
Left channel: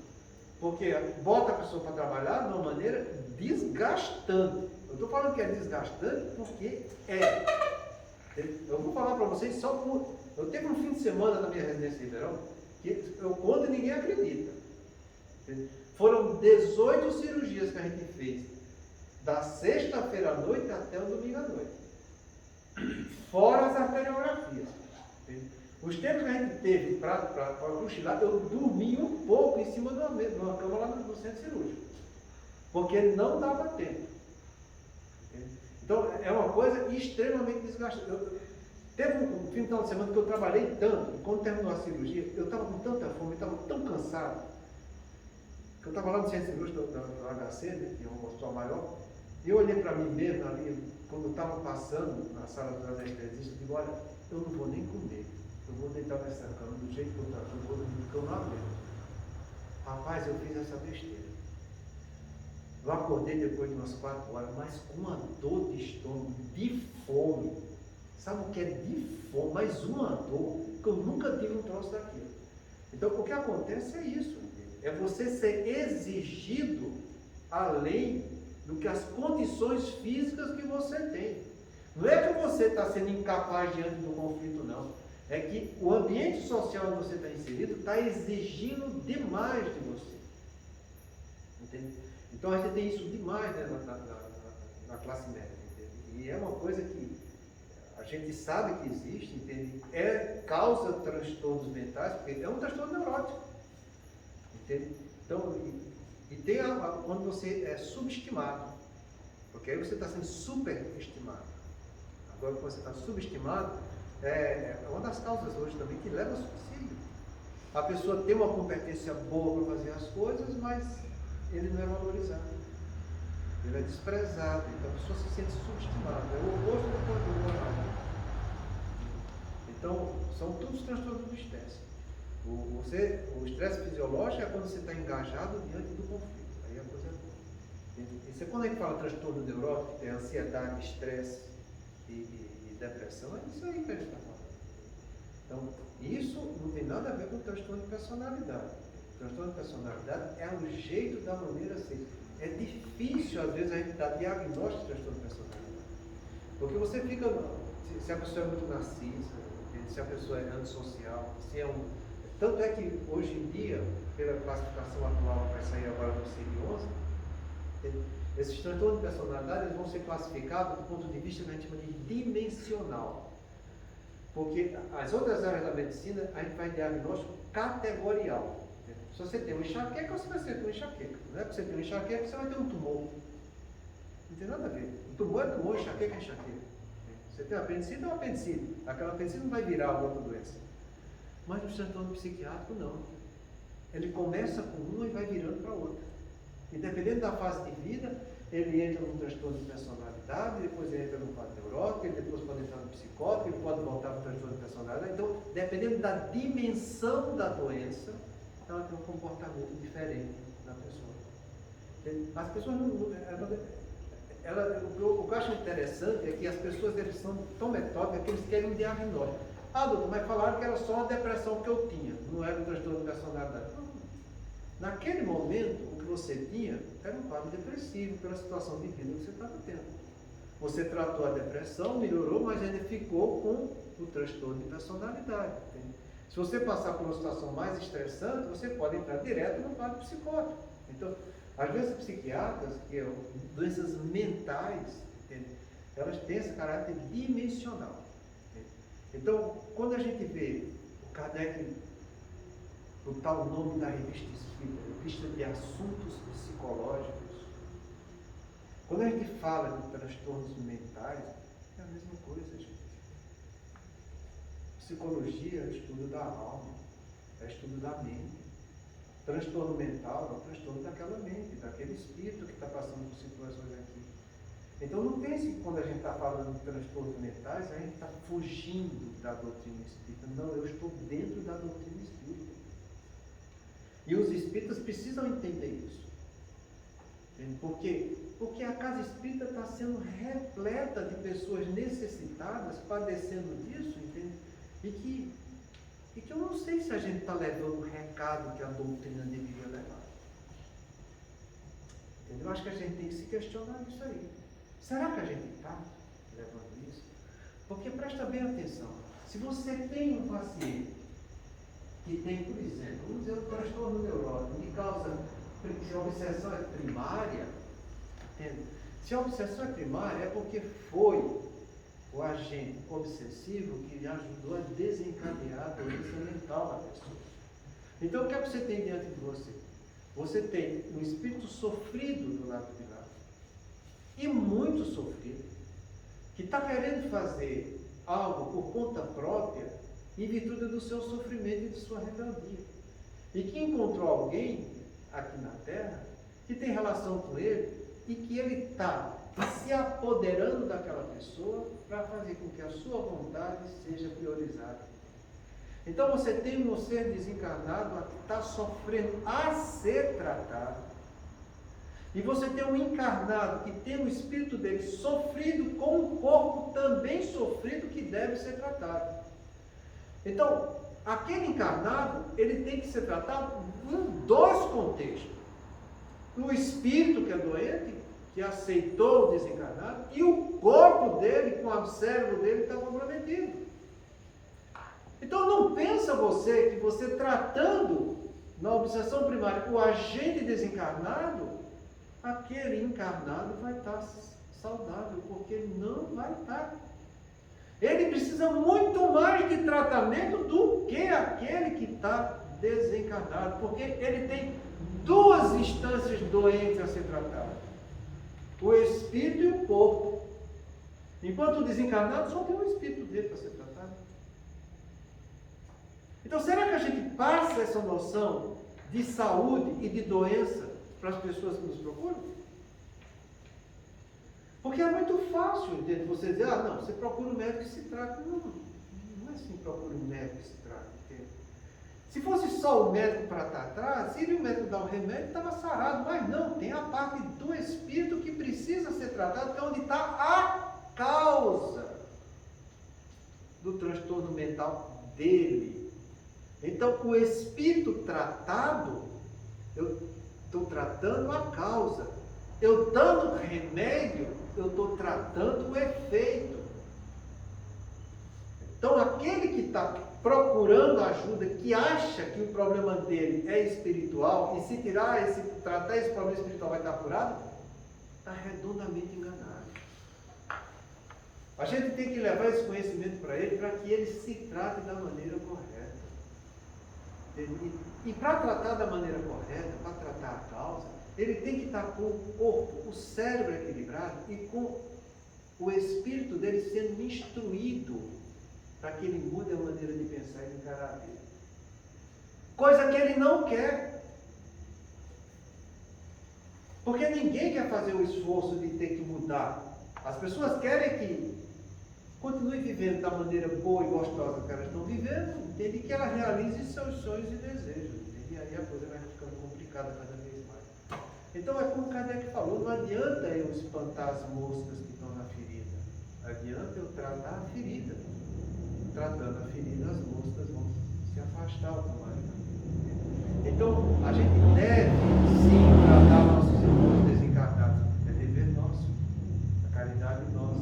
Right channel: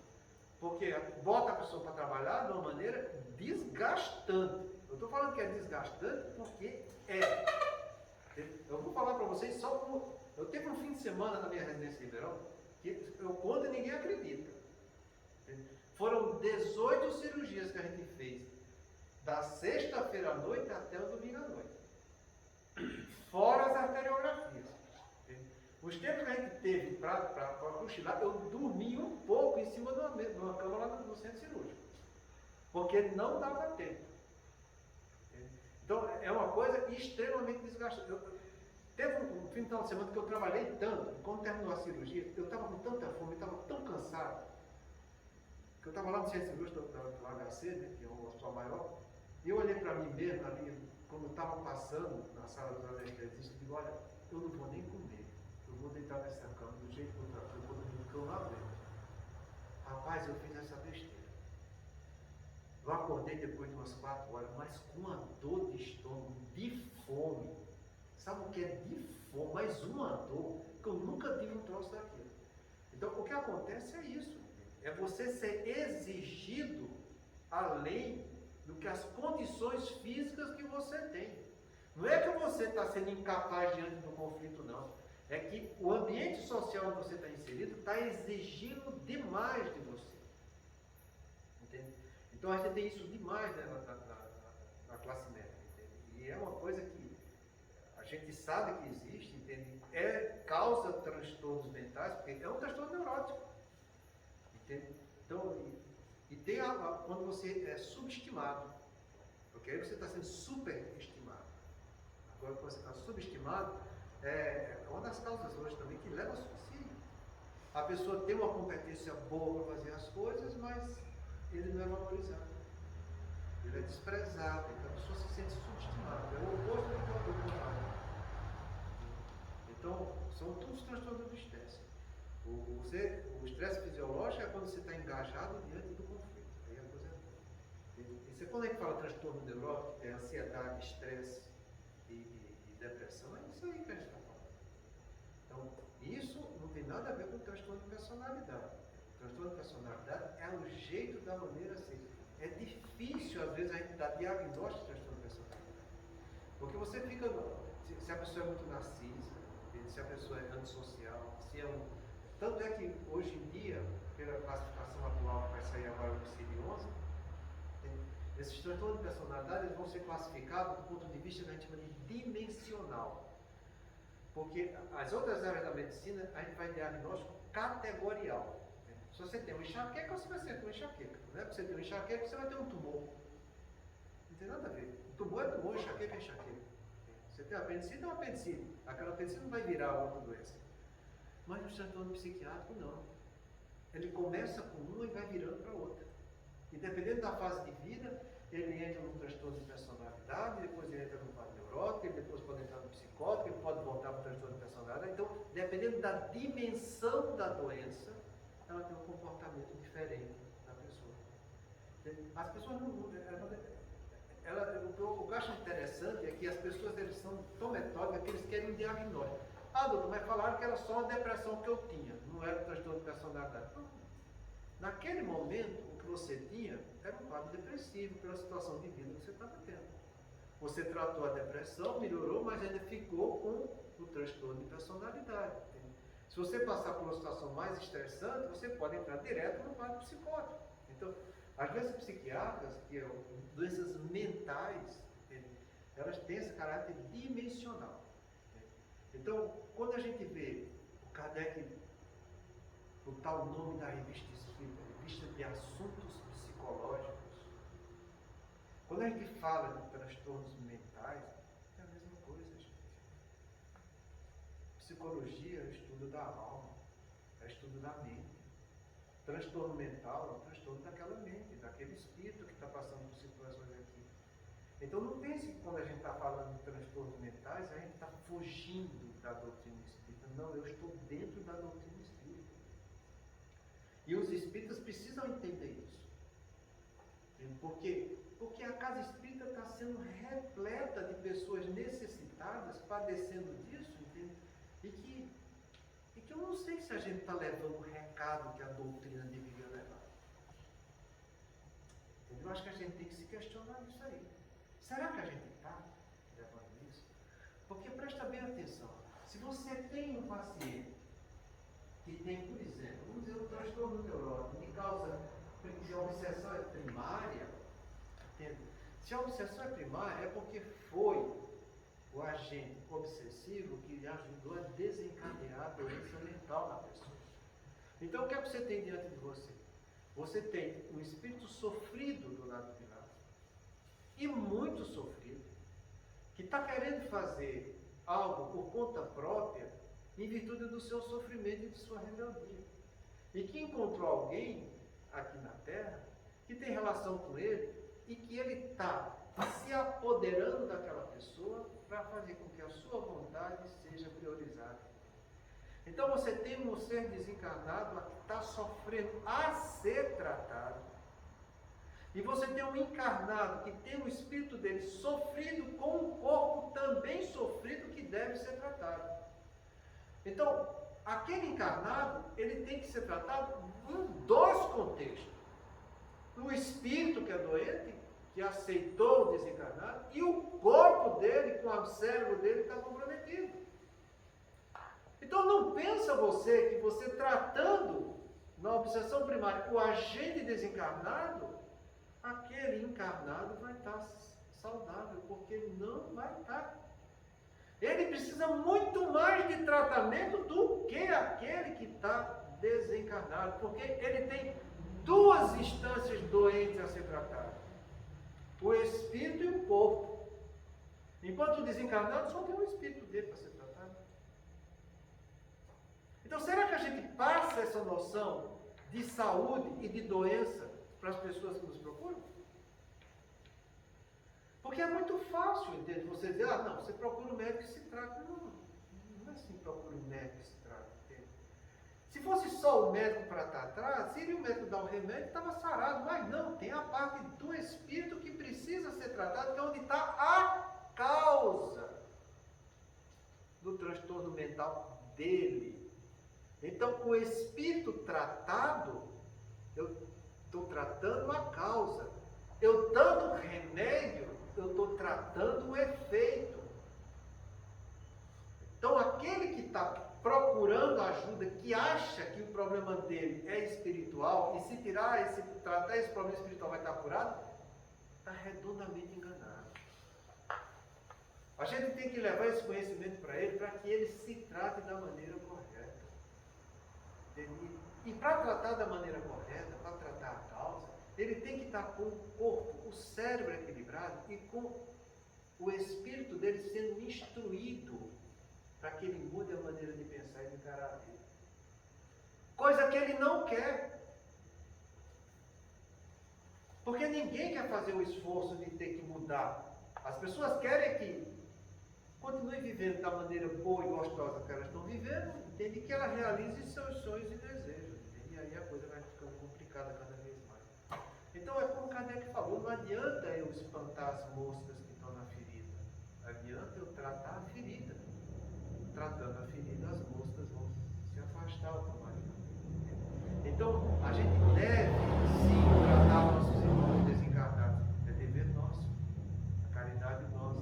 Porque bota a pessoa para trabalhar de uma maneira desgastante. Eu estou falando que é desgastante porque é. Eu vou falar para vocês só como. Eu teve um fim de semana na minha residência de verão que eu conto e ninguém acredita. Foram 18 cirurgias que a gente fez, da sexta-feira à noite até o domingo à noite. Fora as arteriografias. Os tempos que a gente teve para cochilar, eu dormi um pouco em cima de uma cama lá no centro cirúrgico. Porque não dava tempo. Então, é uma coisa extremamente desgastante. Teve um fim de semana que eu trabalhei tanto, quando terminou a cirurgia, eu estava com tanta fome, eu estava tão cansado, que eu estava lá no centro cirúrgico do HC, né, que é um hospital maior, e eu olhei para mim mesmo ali, quando eu estava passando na sala dos anestesistas, eu digo, olha, eu não vou nem comer, eu vou deitar nessa cama do jeito que eu estou, eu vou dormir, porque eu não aguento. Rapaz, eu fiz essa besteira. Eu acordei depois de umas 4 horas, mas com uma dor de estômago, de fome. Sabe o que é de fome? Mas uma dor que eu nunca tive um troço daquilo. Então, o que acontece é isso. É você ser exigido além do que as condições físicas que você tem. Não é que você está sendo incapaz diante do conflito, não. É que o ambiente social onde você está inserido está exigindo demais de você. Entende? Então a gente tem isso demais, né, na classe médica. Entende? E é uma coisa que a gente sabe que existe, entende? Causa transtornos mentais, porque é um transtorno neurótico. Entende? Então, e tem quando você é subestimado, porque aí você está sendo superestimado. Agora, quando você está subestimado, é uma das causas hoje também que leva ao suicídio. A pessoa tem uma competência boa para fazer as coisas, mas ele não é valorizado. Ele é desprezado. Então a pessoa se sente subestimada. É o oposto do normal. Então, são todos transtornos do estresse. O estresse fisiológico é quando você está engajado diante do conflito. Aí a coisa é boa. Isso é quando a gente fala transtorno neurótico, que tem ansiedade, estresse e depressão, é isso aí que a gente está falando. Então, isso não tem nada a ver com transtorno de personalidade. O transtorno de personalidade é o jeito da maneira assim. É difícil, às vezes, a gente dar diagnóstico de transtorno de personalidade. Porque você fica, se a pessoa é muito narcisa, se a pessoa é antissocial, se é um... Tanto é que, hoje em dia, pela classificação atual que vai sair agora no CID-11, esses transtornos de personalidade eles vão ser classificados do ponto de vista que a gente chama de dimensional. Porque as outras áreas da medicina, a gente faz diagnóstico categorial. Se você tem uma enxaqueca, você vai ter uma enxaqueca. Não é porque você tem uma enxaqueca, você vai ter um tumor. Não tem nada a ver. O tumor é tumor, enxaqueca é enxaqueca. Você tem uma apendicite, é uma apendicite. Aquela apendicite não vai virar outra doença. Mas no transtorno psiquiátrico, não. Ele começa com uma e vai virando para outra. E dependendo da fase de vida, ele entra num transtorno de personalidade, depois ele entra num quadro neurótico, ele depois pode entrar no psicótico, ele pode voltar para o transtorno de personalidade. Então, dependendo da dimensão da doença, ela tem um comportamento diferente na pessoa. As pessoas não... o que eu acho interessante é que as pessoas eles são tão metódicas que eles querem um diagnóstico. Ah, doutor, mas falaram que era só uma depressão que eu tinha, não era um transtorno de personalidade. Não. Naquele momento, o que você tinha era um quadro depressivo pela situação de vida que você estava tendo. Você tratou a depressão, melhorou, mas ainda ficou com o transtorno de personalidade. Entende? Se você passar por uma situação mais estressante, você pode entrar direto no quadro psicótico. Então, às vezes, psiquiatras, que são doenças mentais, entende? Elas têm esse caráter dimensional. Entende? Então, quando a gente vê o Kardec, o tal nome da revista espírita, Revista de Assuntos Psicológicos, quando a gente fala de transtornos mentais, é a mesma coisa, gente. Psicologia é o estudo da alma, é o estudo da mente. Transtorno mental é o transtorno daquela mente, daquele espírito que está passando por situações aqui. Então não pense que quando a gente está falando de transtornos mentais, a gente está fugindo da doutrina espírita. Não, eu estou dentro da doutrina espírita. E os espíritas precisam entender isso. Entende? Por quê? Porque a casa espírita está sendo repleta de pessoas necessitadas, padecendo disso, entende? E que eu não sei se a gente está levando o recado que a doutrina deveria levar. Entendeu? Eu acho que a gente tem que se questionar disso aí. Será que a gente está levando isso? Porque presta bem atenção. Se você tem um paciente que tem, por exemplo, vamos dizer, um transtorno neurótico que causa, se a obsessão é primária, entende? Se a obsessão é primária é porque foi o agente obsessivo que lhe ajudou a desencadear a doença mental da pessoa. Então, o que é que você tem diante de você? Você tem um espírito sofrido do lado de lá, e muito sofrido, que está querendo fazer algo por conta própria, em virtude do seu sofrimento e de sua rebeldia. E que encontrou alguém aqui na Terra que tem relação com ele e que ele está se apoderando daquela pessoa para fazer com que a sua vontade seja priorizada. Então você tem um ser desencarnado que está sofrendo a ser tratado. E você tem um encarnado que tem o espírito dele sofrido com um corpo também sofrido que deve ser tratado. Então, aquele encarnado, ele tem que ser tratado em dois contextos. O espírito que é doente, que aceitou o desencarnado, e o corpo dele, com o cérebro dele, está comprometido. Então, não pensa você que você tratando na obsessão primária o agente desencarnado, aquele encarnado vai estar saudável, porque ele não vai estar. Ele precisa muito mais de tratamento do que aquele que está desencarnado, porque ele tem duas instâncias doentes a ser tratado: o espírito e o corpo. Enquanto o desencarnado só tem o espírito dele para ser tratado. Então, será que a gente passa essa noção de saúde e de doença para as pessoas que nos procuram? Porque é muito fácil, entende? Você dizer, não, você procura um médico que se trata. Não, não é assim, procura um médico que se trata, entende? Se fosse só o médico para tratar, se o médico dar um remédio, estava sarado. Mas não, tem a parte do espírito que precisa ser tratado, que é onde está a causa do transtorno mental dele. Então, com o espírito tratado, eu estou tratando a causa. Eu dando remédio, eu estou tratando o efeito. Então, aquele que está procurando ajuda, que acha que o problema dele é espiritual, e se tratar esse problema espiritual vai estar curado, está redondamente enganado. A gente tem que levar esse conhecimento para ele, para que ele se trate da maneira correta. E para tratar da maneira correta, para tratar a causa, ele tem que estar com o corpo, o cérebro equilibrado e com o espírito dele sendo instruído para que ele mude a maneira de pensar e de encarar a vida. Coisa que ele não quer. Porque ninguém quer fazer o esforço de ter que mudar. As pessoas querem que continue vivendo da maneira boa e gostosa que elas estão vivendo, entende? Que ela realize seus sonhos e desejos, entende? E aí a coisa vai ficando complicada cada vez mais. Então é como Kardec falou, não adianta eu espantar as moscas que estão na ferida, adianta eu tratar a ferida. Tratando a ferida, as moscas vão se afastar automaticamente. Então, a gente deve sim tratar nossos irmãos desencarnados, é dever nosso, a caridade nossa.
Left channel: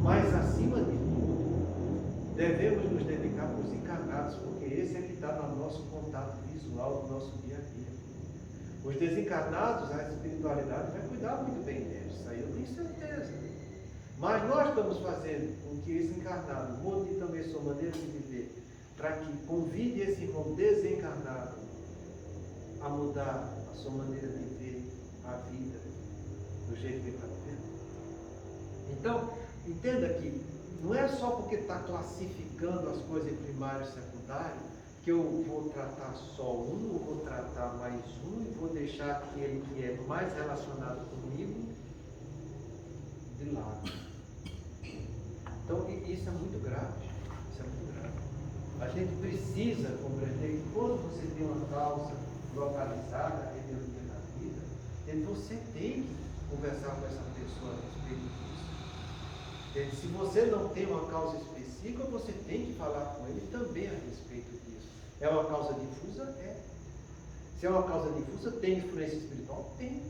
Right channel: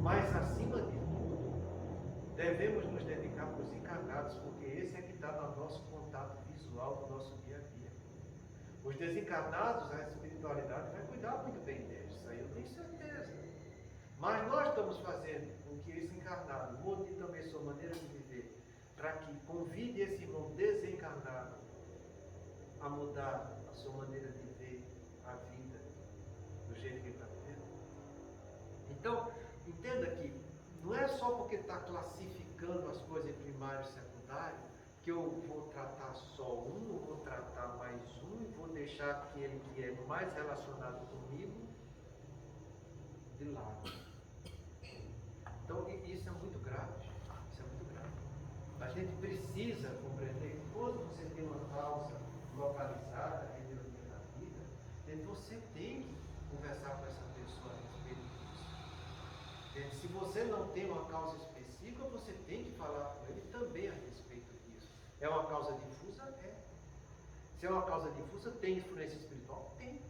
Mas, acima de tudo, devemos nos dedicar para os encarnados, porque esse é que está no nosso contato visual do nosso dia a dia. Os desencarnados, a espiritualidade vai cuidar muito bem deles, isso aí eu tenho certeza. Mas nós estamos fazendo com que esse encarnado mude também sua maneira de viver, para que convide esse irmão desencarnado a mudar a sua maneira de ver a vida do jeito que ele está vivendo. Então, entenda que não é só porque está classificando as coisas em primário e secundário que eu vou tratar só um, ou vou tratar mais um, e vou deixar aquele que é mais relacionado comigo de lado. Então, isso é muito grave. Isso é muito grave. A gente precisa compreender que quando você tem uma causa localizada, resolvida na vida, você tem que conversar com essa pessoa a respeito disso. Se você não tem uma causa específica, você tem que falar com ele também a respeito disso. É uma causa difusa? É. Se é uma causa difusa, tem influência espiritual? Tem.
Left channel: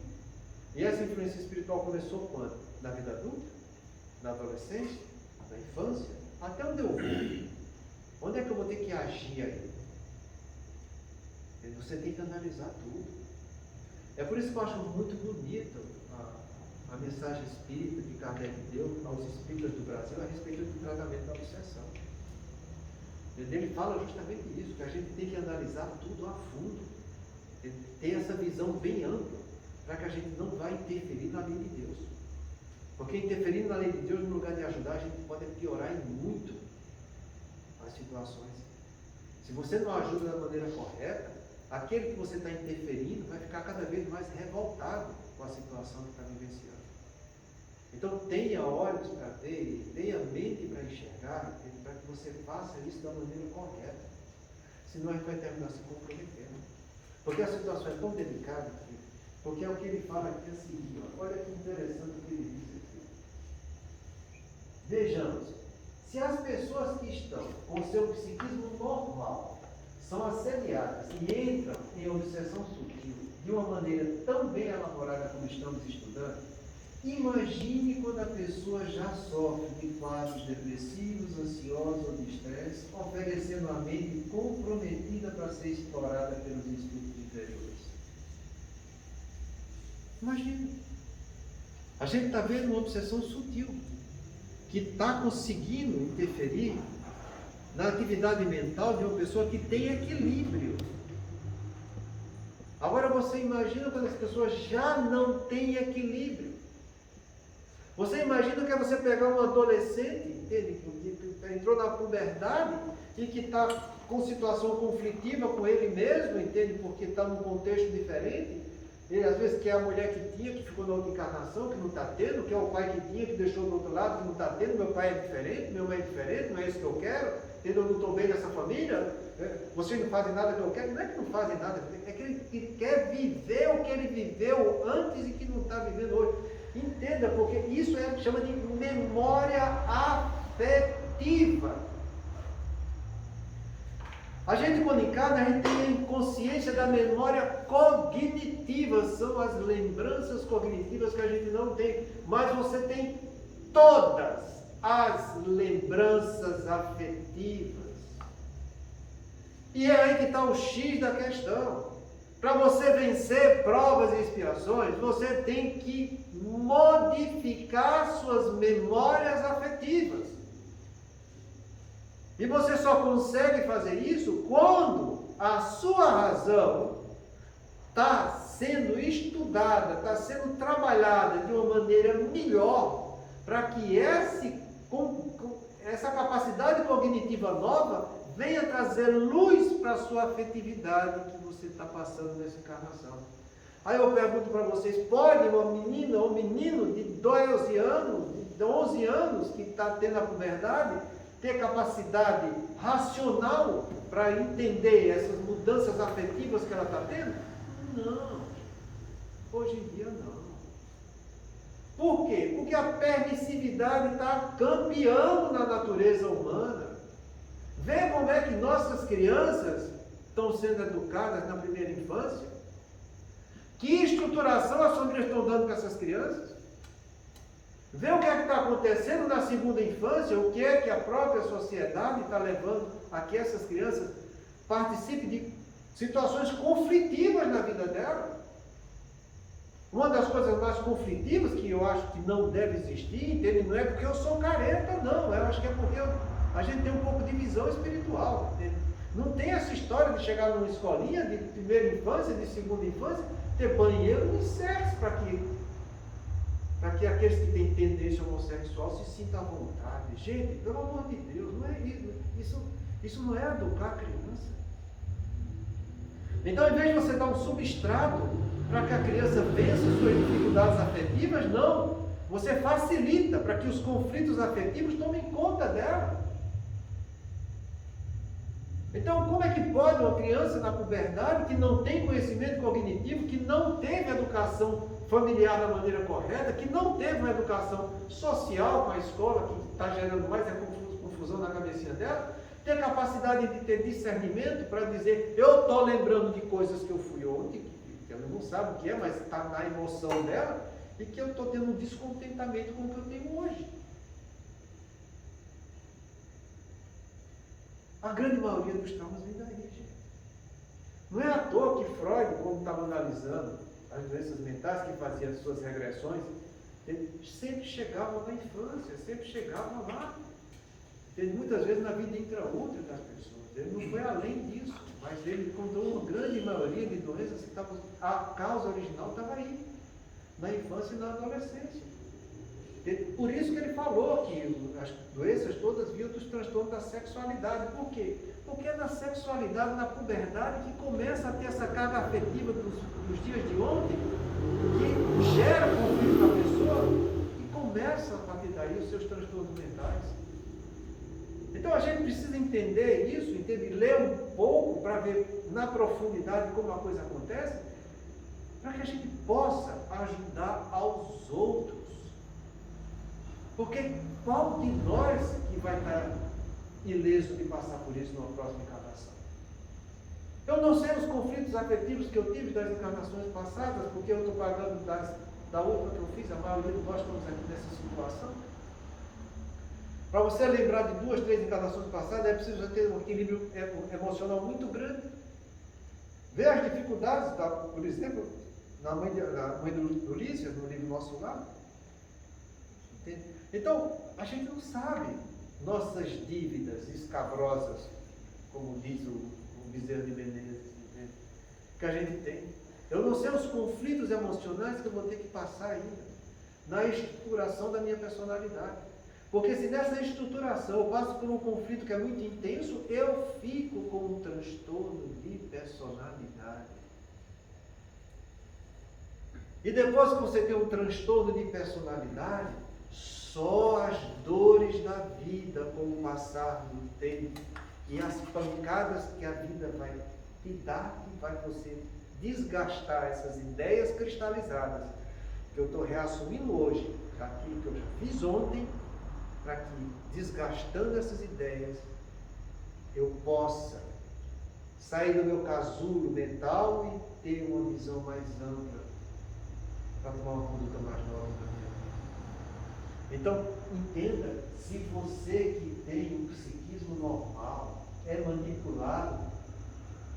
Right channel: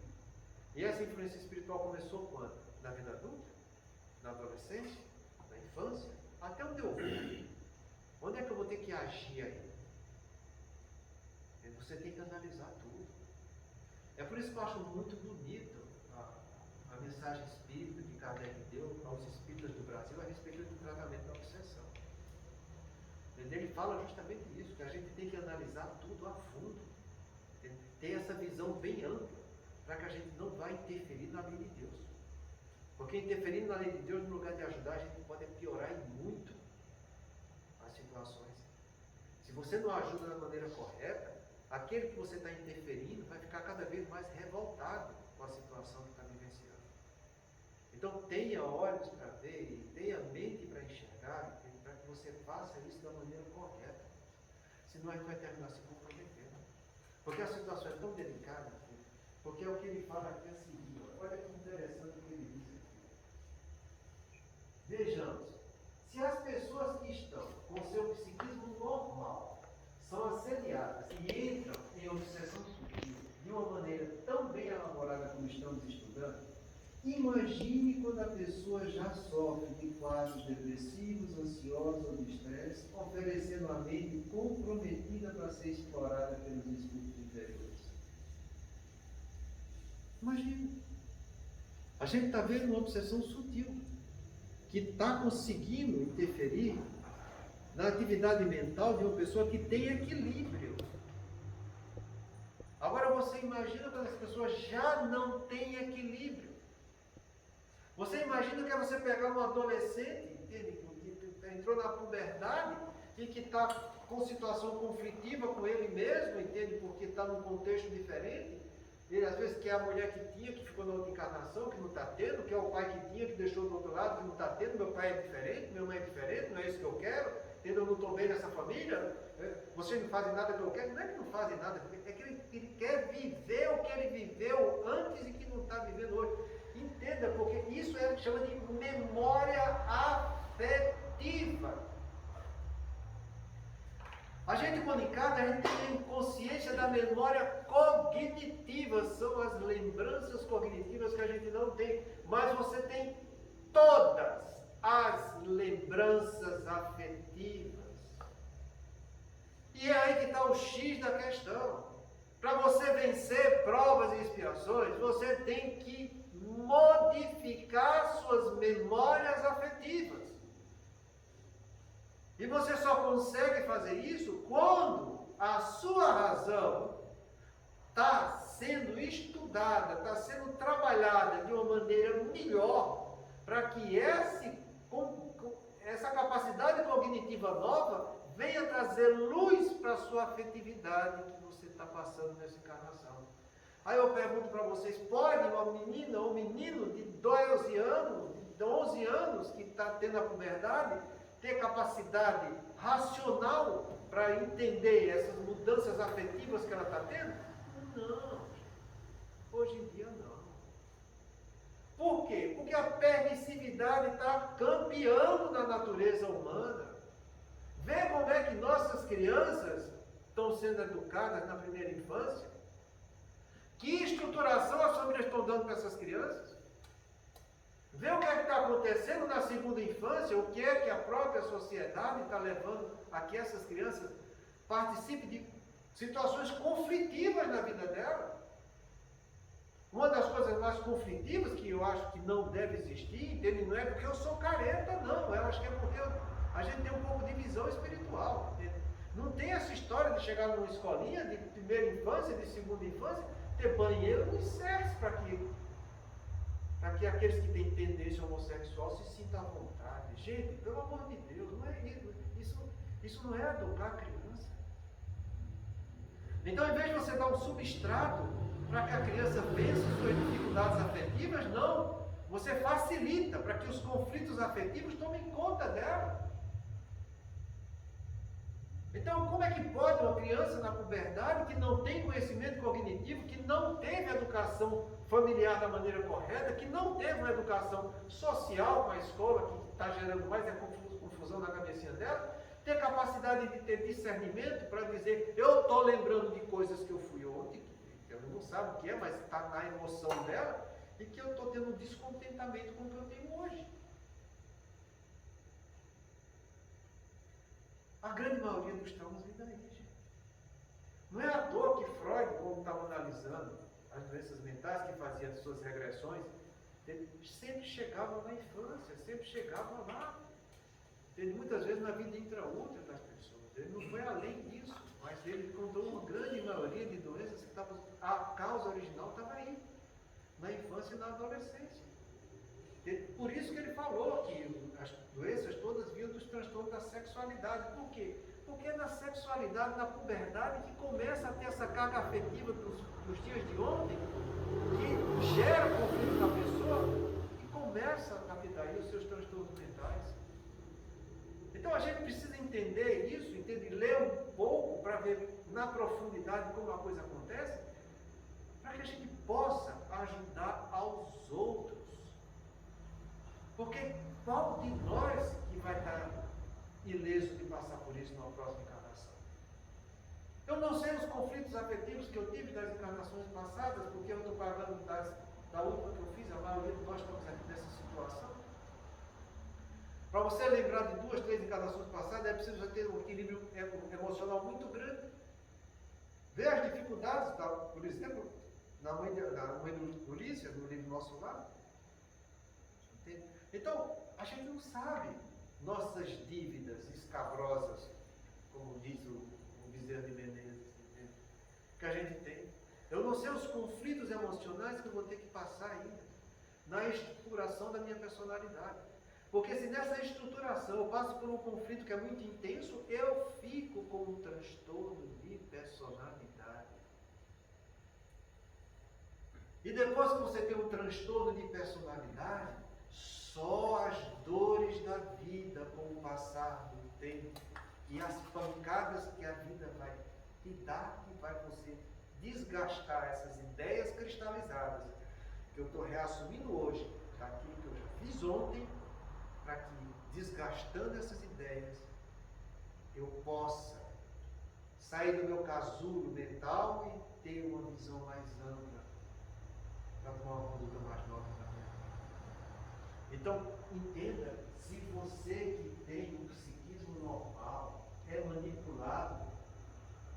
E essa influência espiritual começou quando? Na vida adulta? Na adolescência? Na infância? Até onde eu vou? Onde é que eu vou ter que agir aí? Você tem que analisar tudo. É por isso que eu acho muito bonito a mensagem espírita que Kardec deu aos espíritas do Brasil a respeito do tratamento da obsessão. Ele fala justamente isso, que a gente tem que analisar tudo a fundo. Ter essa visão bem ampla, para que a gente não vá interferir na lei de Deus. Porque interferindo na lei de Deus, no lugar de ajudar, a gente pode piorar em muito as situações. Se você não ajuda da maneira correta, aquele que você está interferindo vai ficar cada vez mais revoltado com a situação que está vivenciando. Então tenha olhos para ver, tenha mente para enxergar, para que você faça isso da maneira correta. Senão a gente vai terminar se comprometendo. Porque a situação é tão delicada, porque é o que ele fala aqui é o seguinte, olha que interessante o que ele diz aqui. Vejamos, se as pessoas que estão com seu psiquismo normal são assediadas e entram em obsessão sutil de uma maneira tão bem elaborada como estamos estudando, imagine quando a pessoa já sofre de quadros depressivos, ansiosos ou de estresse, oferecendo a mente comprometida para ser explorada pelos espíritos inferiores. Imagine. A gente está vendo uma obsessão sutil, que está conseguindo interferir na atividade mental de uma pessoa que tem equilíbrio. Agora você imagina quando as pessoas já não têm equilíbrio. Você imagina que é você pegar um adolescente, entende? Que entrou na puberdade e que está com situação conflitiva com ele mesmo, entende? Porque está num contexto diferente. Ele às vezes quer a mulher que tinha, que ficou na outra encarnação, que não está tendo, quer o pai que tinha, que deixou do outro lado, que não está tendo, meu pai é diferente, minha mãe é diferente, não é isso que eu quero, eu não estou bem nessa família, vocês não fazem nada que eu quero. Não é que não fazem nada, é que ele quer viver o que ele viveu antes e que não está vivendo hoje. Entenda, porque isso chama de memória afetiva. A gente, quando encarna, a gente tem consciência da memória cognitiva, são as lembranças cognitivas que a gente não tem, mas você tem todas as lembranças afetivas. E é aí que está o X da questão. Para você vencer provas e expiações, você tem que modificar suas memórias afetivas. E você só consegue fazer isso quando a sua razão está sendo estudada, está sendo trabalhada de uma maneira melhor, para que essa capacidade cognitiva nova venha trazer luz para a sua afetividade que você está passando nessa encarnação. Aí eu pergunto para vocês, pode uma menina ou um menino de 12 anos, de 11 anos, que está tendo a puberdade, ter capacidade racional para entender essas mudanças afetivas que ela está tendo? Não. Hoje em dia não. Por quê? Porque a permissividade está campeando na natureza humana. Vê como é que nossas crianças estão sendo educadas na primeira infância. Que estruturação as famílias estão dando para essas crianças? Vê o que é que está acontecendo na segunda infância, o que é que a própria sociedade está levando a que essas crianças participem de situações conflitivas na vida dela. Uma das coisas mais conflitivas que eu acho que não deve existir, entende? Não é porque eu sou careta, não. Eu acho que é porque a gente tem um pouco de visão espiritual, entende? Não tem essa história de chegar numa escolinha de primeira infância, de segunda infância, ter banheiro e sexo para que aqueles que têm tendência homossexual se sintam à vontade. Gente, pelo amor de Deus, não é isso. Isso não é educar a criança. Então, em vez de você dar um substrato para que a criança vença suas dificuldades afetivas, não. Você facilita para que os conflitos afetivos tomem conta dela. Então, como é que pode uma criança na puberdade que não tem conhecimento cognitivo, que não teve educação familiar da maneira correta, que não teve uma educação social com a escola, que está gerando mais confusão na cabecinha dela, ter capacidade de ter discernimento para dizer, eu estou lembrando de coisas que eu fui ontem, que ela não sabe o que é, mas está na emoção dela, e que eu estou tendo um descontentamento com o que eu tenho hoje. A grande maioria dos traumas vem daí, gente. Não é à toa que Freud, quando estava analisando as doenças mentais, que fazia as suas regressões, ele sempre chegava na infância, sempre chegava lá. Ele, muitas vezes na vida intraútero das pessoas. Ele não foi além disso, mas ele contou uma grande maioria de doenças que estavam, a causa original estava aí, na infância e na adolescência. Por isso que ele falou que as doenças todas vinham dos transtornos da sexualidade. Por quê? Porque é na sexualidade, na puberdade, que começa a ter essa carga afetiva dos dias de ontem, que gera conflito na pessoa e começa a partir daí os seus transtornos mentais. Então a gente precisa entender isso, ler um pouco para ver na profundidade como a coisa acontece, para que a gente possa ajudar aos outros. Porque qual de nós que vai estar ileso de passar por isso na próxima encarnação? Eu não sei os conflitos afetivos que eu tive das encarnações passadas, porque eu estou pagando da última que eu fiz, a maioria de nós estamos aqui nessa situação. Para você lembrar de 2, 3 encarnações passadas, é preciso ter um equilíbrio emocional muito grande. Ver as dificuldades, por exemplo, na mãe do Ulisses, no livro Nosso Lar. Entende? Então, a gente não sabe nossas dívidas escabrosas, como diz o Bezerra de Menezes, entende? Que a gente tem. Eu não sei os conflitos emocionais que eu vou ter que passar ainda na estruturação da minha personalidade. Porque se nessa estruturação eu passo por um conflito que é muito intenso, eu fico com um transtorno de personalidade. E depois que você tem um transtorno de personalidade, só as dores da vida com o passar do tempo e as pancadas que a vida vai te dar, que vai você desgastar essas ideias cristalizadas, que eu estou reassumindo hoje, daquilo que eu já fiz ontem, para que, desgastando essas ideias, eu possa sair do meu casulo mental e ter uma visão mais ampla para tomar uma conduta mais nova na minha vida. Então, entenda, se você que tem um psiquismo normal é manipulado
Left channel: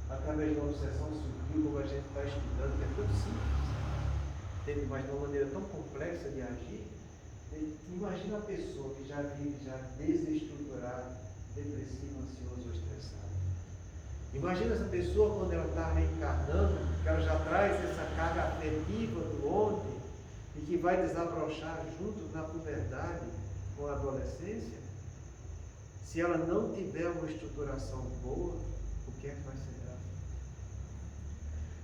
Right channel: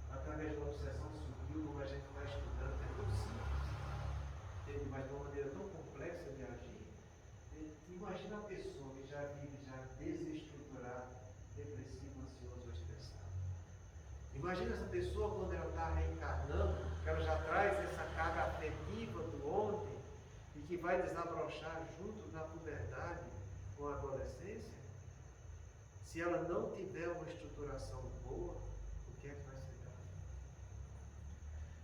através de uma obsessão sutil, como a gente está estudando, que é tão simples, mas de uma maneira tão complexa de agir, imagina a pessoa que já vive já desestruturada, depressiva, ansiosa ou estressada. Imagina essa pessoa quando ela está reencarnando, que ela já traz essa carga afetiva do ontem e que vai desabrochar junto na puberdade com a adolescência. Se ela não tiver uma estruturação boa, o que é que vai ser dela?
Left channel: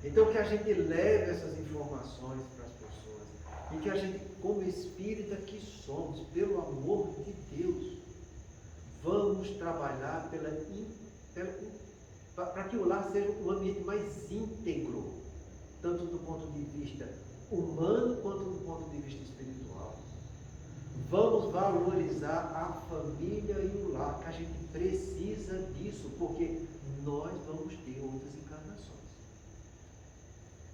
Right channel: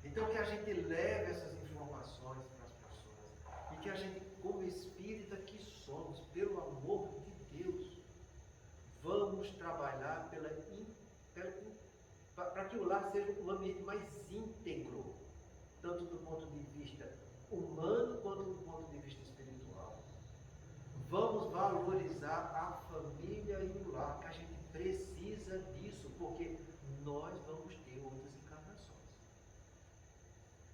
Então que a gente leve essas informações para as pessoas e que a gente, como espírita que somos, pelo amor de Deus, vamos trabalhar para que o lar seja um ambiente mais íntegro, tanto do ponto de vista humano quanto do ponto de vista espiritual. Vamos valorizar a família e o lar, que a gente precisa disso, porque nós vamos ter outras encarnações.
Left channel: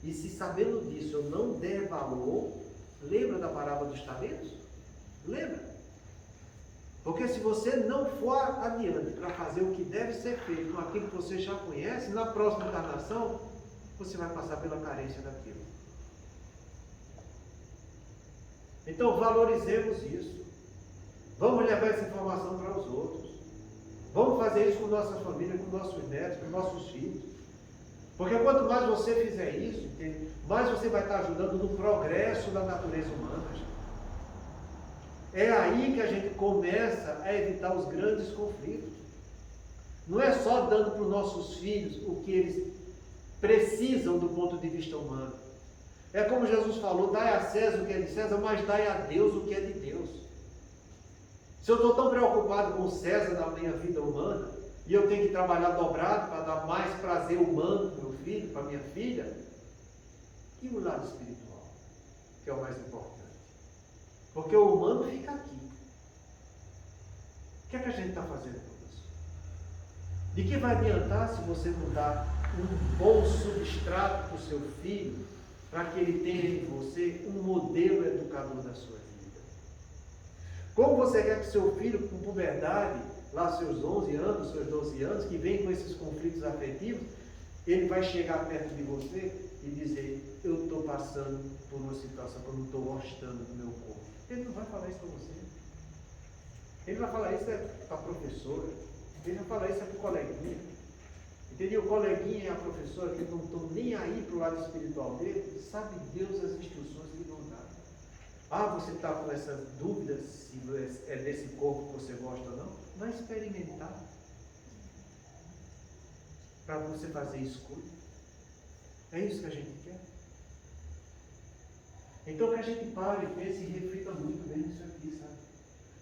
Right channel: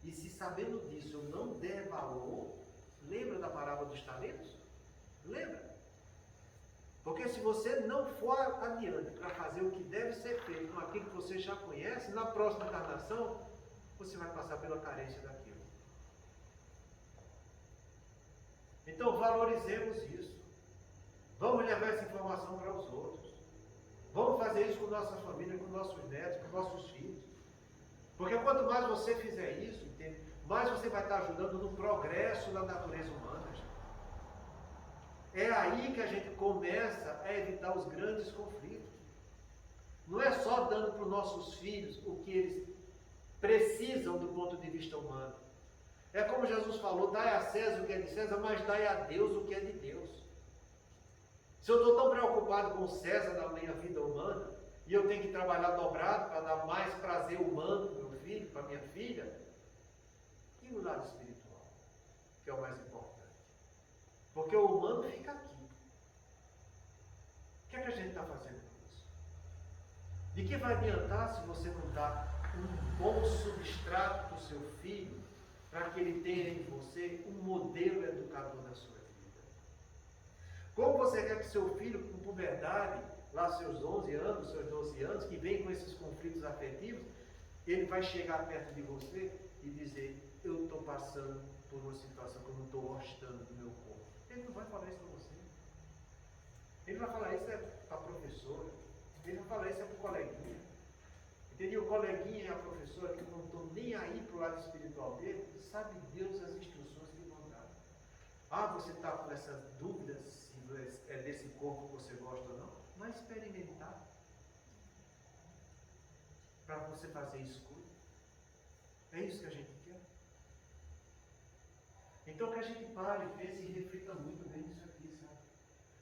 E se sabendo disso eu não der valor, lembra da parábola dos talentos? Lembra? Porque se você não for adiante para fazer o que deve ser feito com aquilo que você já conhece, na próxima encarnação, você vai passar pela carência daquilo. Então valorizemos isso. Vamos levar essa informação para os outros. Vamos fazer isso com nossa família, com nossos netos, com nossos filhos. Porque quanto mais você fizer isso, entende? Mais você vai estar ajudando no progresso da natureza humana. Gente. É aí que a gente começa a evitar os grandes conflitos. Não é só dando para os nossos filhos o que eles precisam do ponto de vista humano. É como Jesus falou, dai a César o que é de César, mas dai a Deus o que é de Deus. Se eu estou tão preocupado com César na minha vida humana, e eu tenho que trabalhar dobrado para dar mais prazer humano para o meu filho, para minha filha, e o lado espiritual, que é o mais importante. Porque o humano fica aqui. O que é que a gente está fazendo com isso? De que vai adiantar se você não dá um bom substrato para o seu filho, para que ele tenha em você um modelo educador da sua vida? Como você quer que seu filho, com puberdade, lá seus 11 anos, seus 12 anos, que vem com esses conflitos afetivos, ele vai chegar perto de você e dizer: eu estou passando por uma situação que eu não estou gostando do meu corpo? Ele não vai falar isso para você. Ele vai falar isso para a professora. Ele vai falar isso para o coleguinha. Entendeu? O coleguinha e a professora, que não estão nem aí para o lado espiritual dele, sabe Deus as instruções que vão dar. Ah, você está com essas dúvidas se é desse corpo que você gosta ou não? Vai experimentar. Para você fazer escolha. É isso que a gente quer. Então que a gente pare, pense e reflita muito bem nisso aqui, sabe?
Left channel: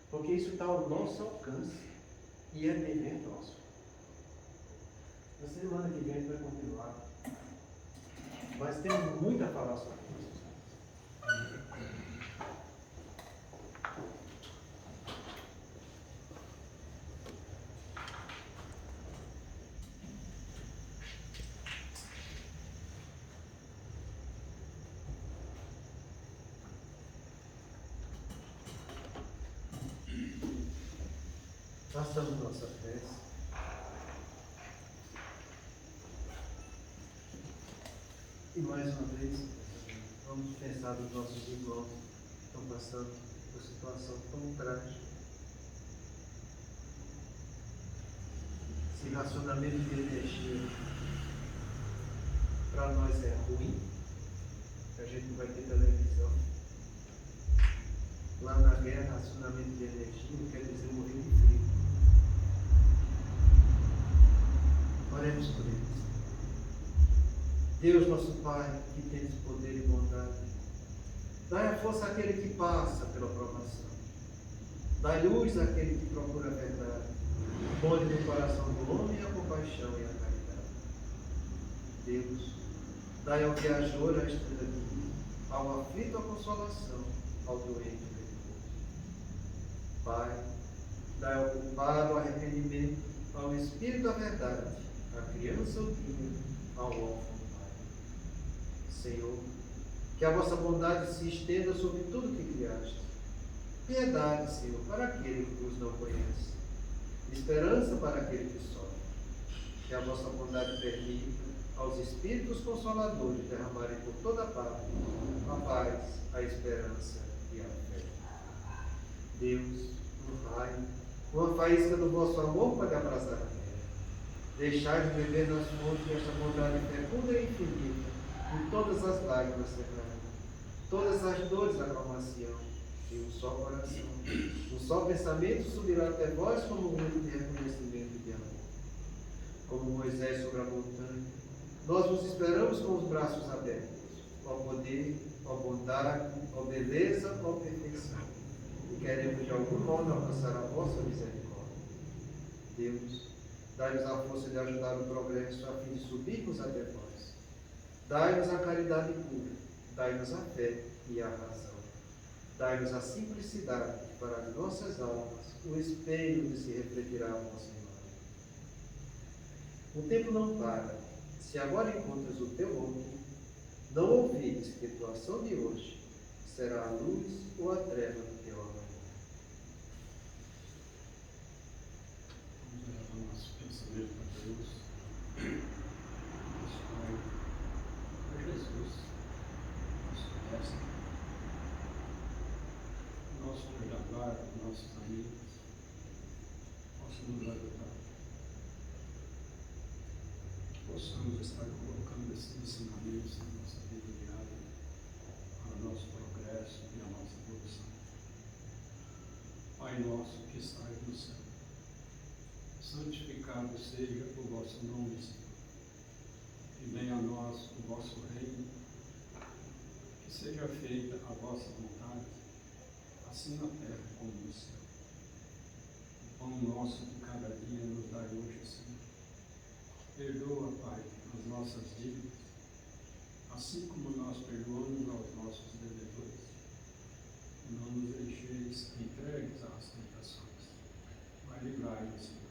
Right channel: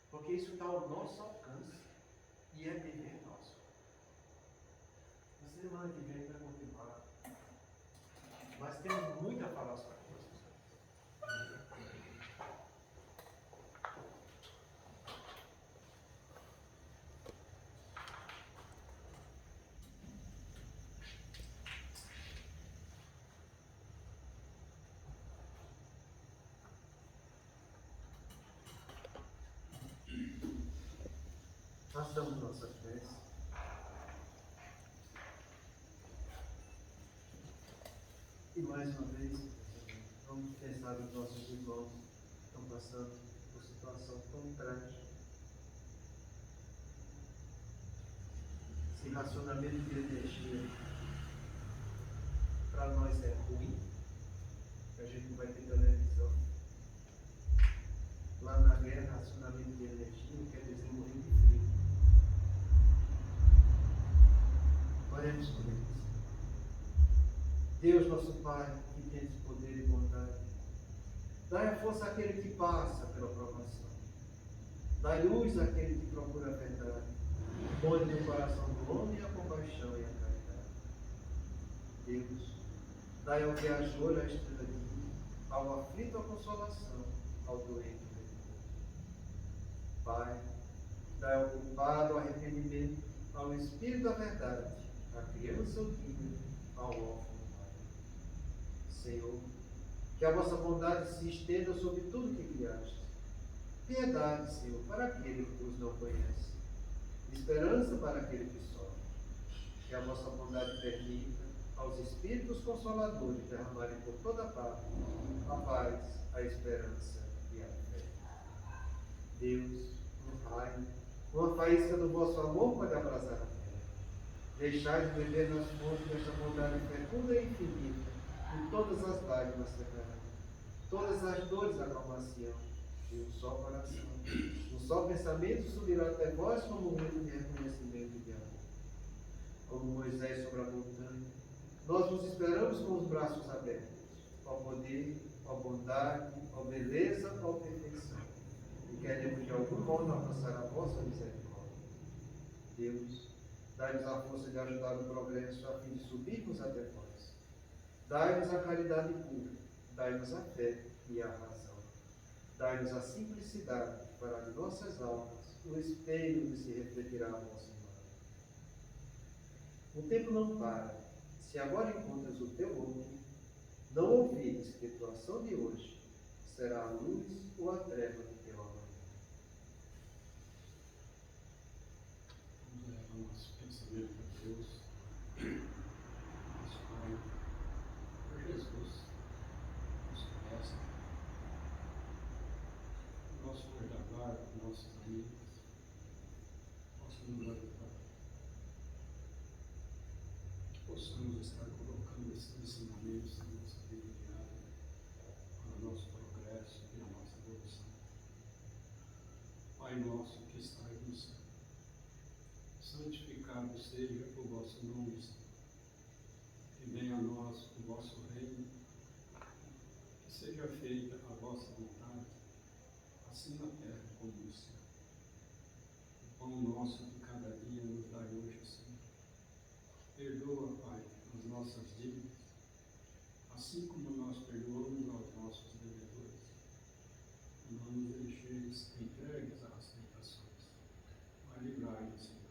Porque isso está ao nosso alcance e é dever nosso. Na semana que vem a gente vai continuar. Mas temos muito a falar sobre isso. Façamos nossa prece. E mais uma vez, vamos pensar nos nossos irmãos que estão passando por situação tão trágica. Esse racionamento de energia para nós é ruim, que a gente não vai ter televisão. Lá na guerra, racionamento de energia não quer dizer morrer de frio. Oremos por eles. Deus, nosso Pai, que tens poder e bondade, dai a força àquele que passa pela provação. Dai luz àquele que procura a verdade. Põe no coração do homem a compaixão e a caridade. Deus, dai ao viajor a estrela divina, ao aflito a consolação, ao doente o repouso. Pai, dai ao culpado o arrependimento, ao Espírito a verdade, à criança o guia, ao órfão o Pai. Senhor, que a vossa bondade se estenda sobre tudo que criaste. Piedade, Senhor, para aquele que vos não conhece. Esperança para aquele que sofre. Que a vossa bondade permita aos Espíritos Consoladores derramarem por toda parte a paz, a esperança e a fé. Deus, um raio, uma faísca do vosso amor pode abrasar a terra. Deixai de beber nas fontes desta bondade fecunda e infinita, e todas as lágrimas secarão, todas as dores acalmar-se-ão, e um só coração, um só pensamento subirá até vós como um grito de reconhecimento e de amor. Como Moisés sobre a montanha, nós vos esperamos com os braços abertos, ó poder, ó bondade, ó beleza, ó perfeição, e queremos de algum modo alcançar a vossa misericórdia. Deus, dai-nos a força de ajudar o progresso a fim de subirmos até vós. Dai-nos a caridade pura, dai-nos a fé e a razão. Dai-nos a simplicidade para as nossas almas, o espelho de se refletirá a vossa imagem. O tempo não para. Se agora encontras o teu homem, não ouvides que tua ação de hoje será a luz ou a treva do teu amanhã. Vamos levar nosso pensamento a Deus. Nosso Pai, a Jesus, nosso Mestre, nosso cuidador, nossos amigos, nosso moderador. Possamos estar colocando esses ensinamentos na nossa vida diária, para o nosso progresso e a nossa evolução. Pai nosso que estais no céu, santificado seja o vosso nome, Senhor. Que venha a nós o vosso reino, que seja feita a vossa vontade, assim na terra como no céu. O pão nosso de cada dia nos dai hoje, Senhor. Perdoa, Pai, as nossas dívidas, assim como nós perdoamos aos nossos devedores. Não nos deixeis entregues às tentações, mas livrai-nos, Senhor,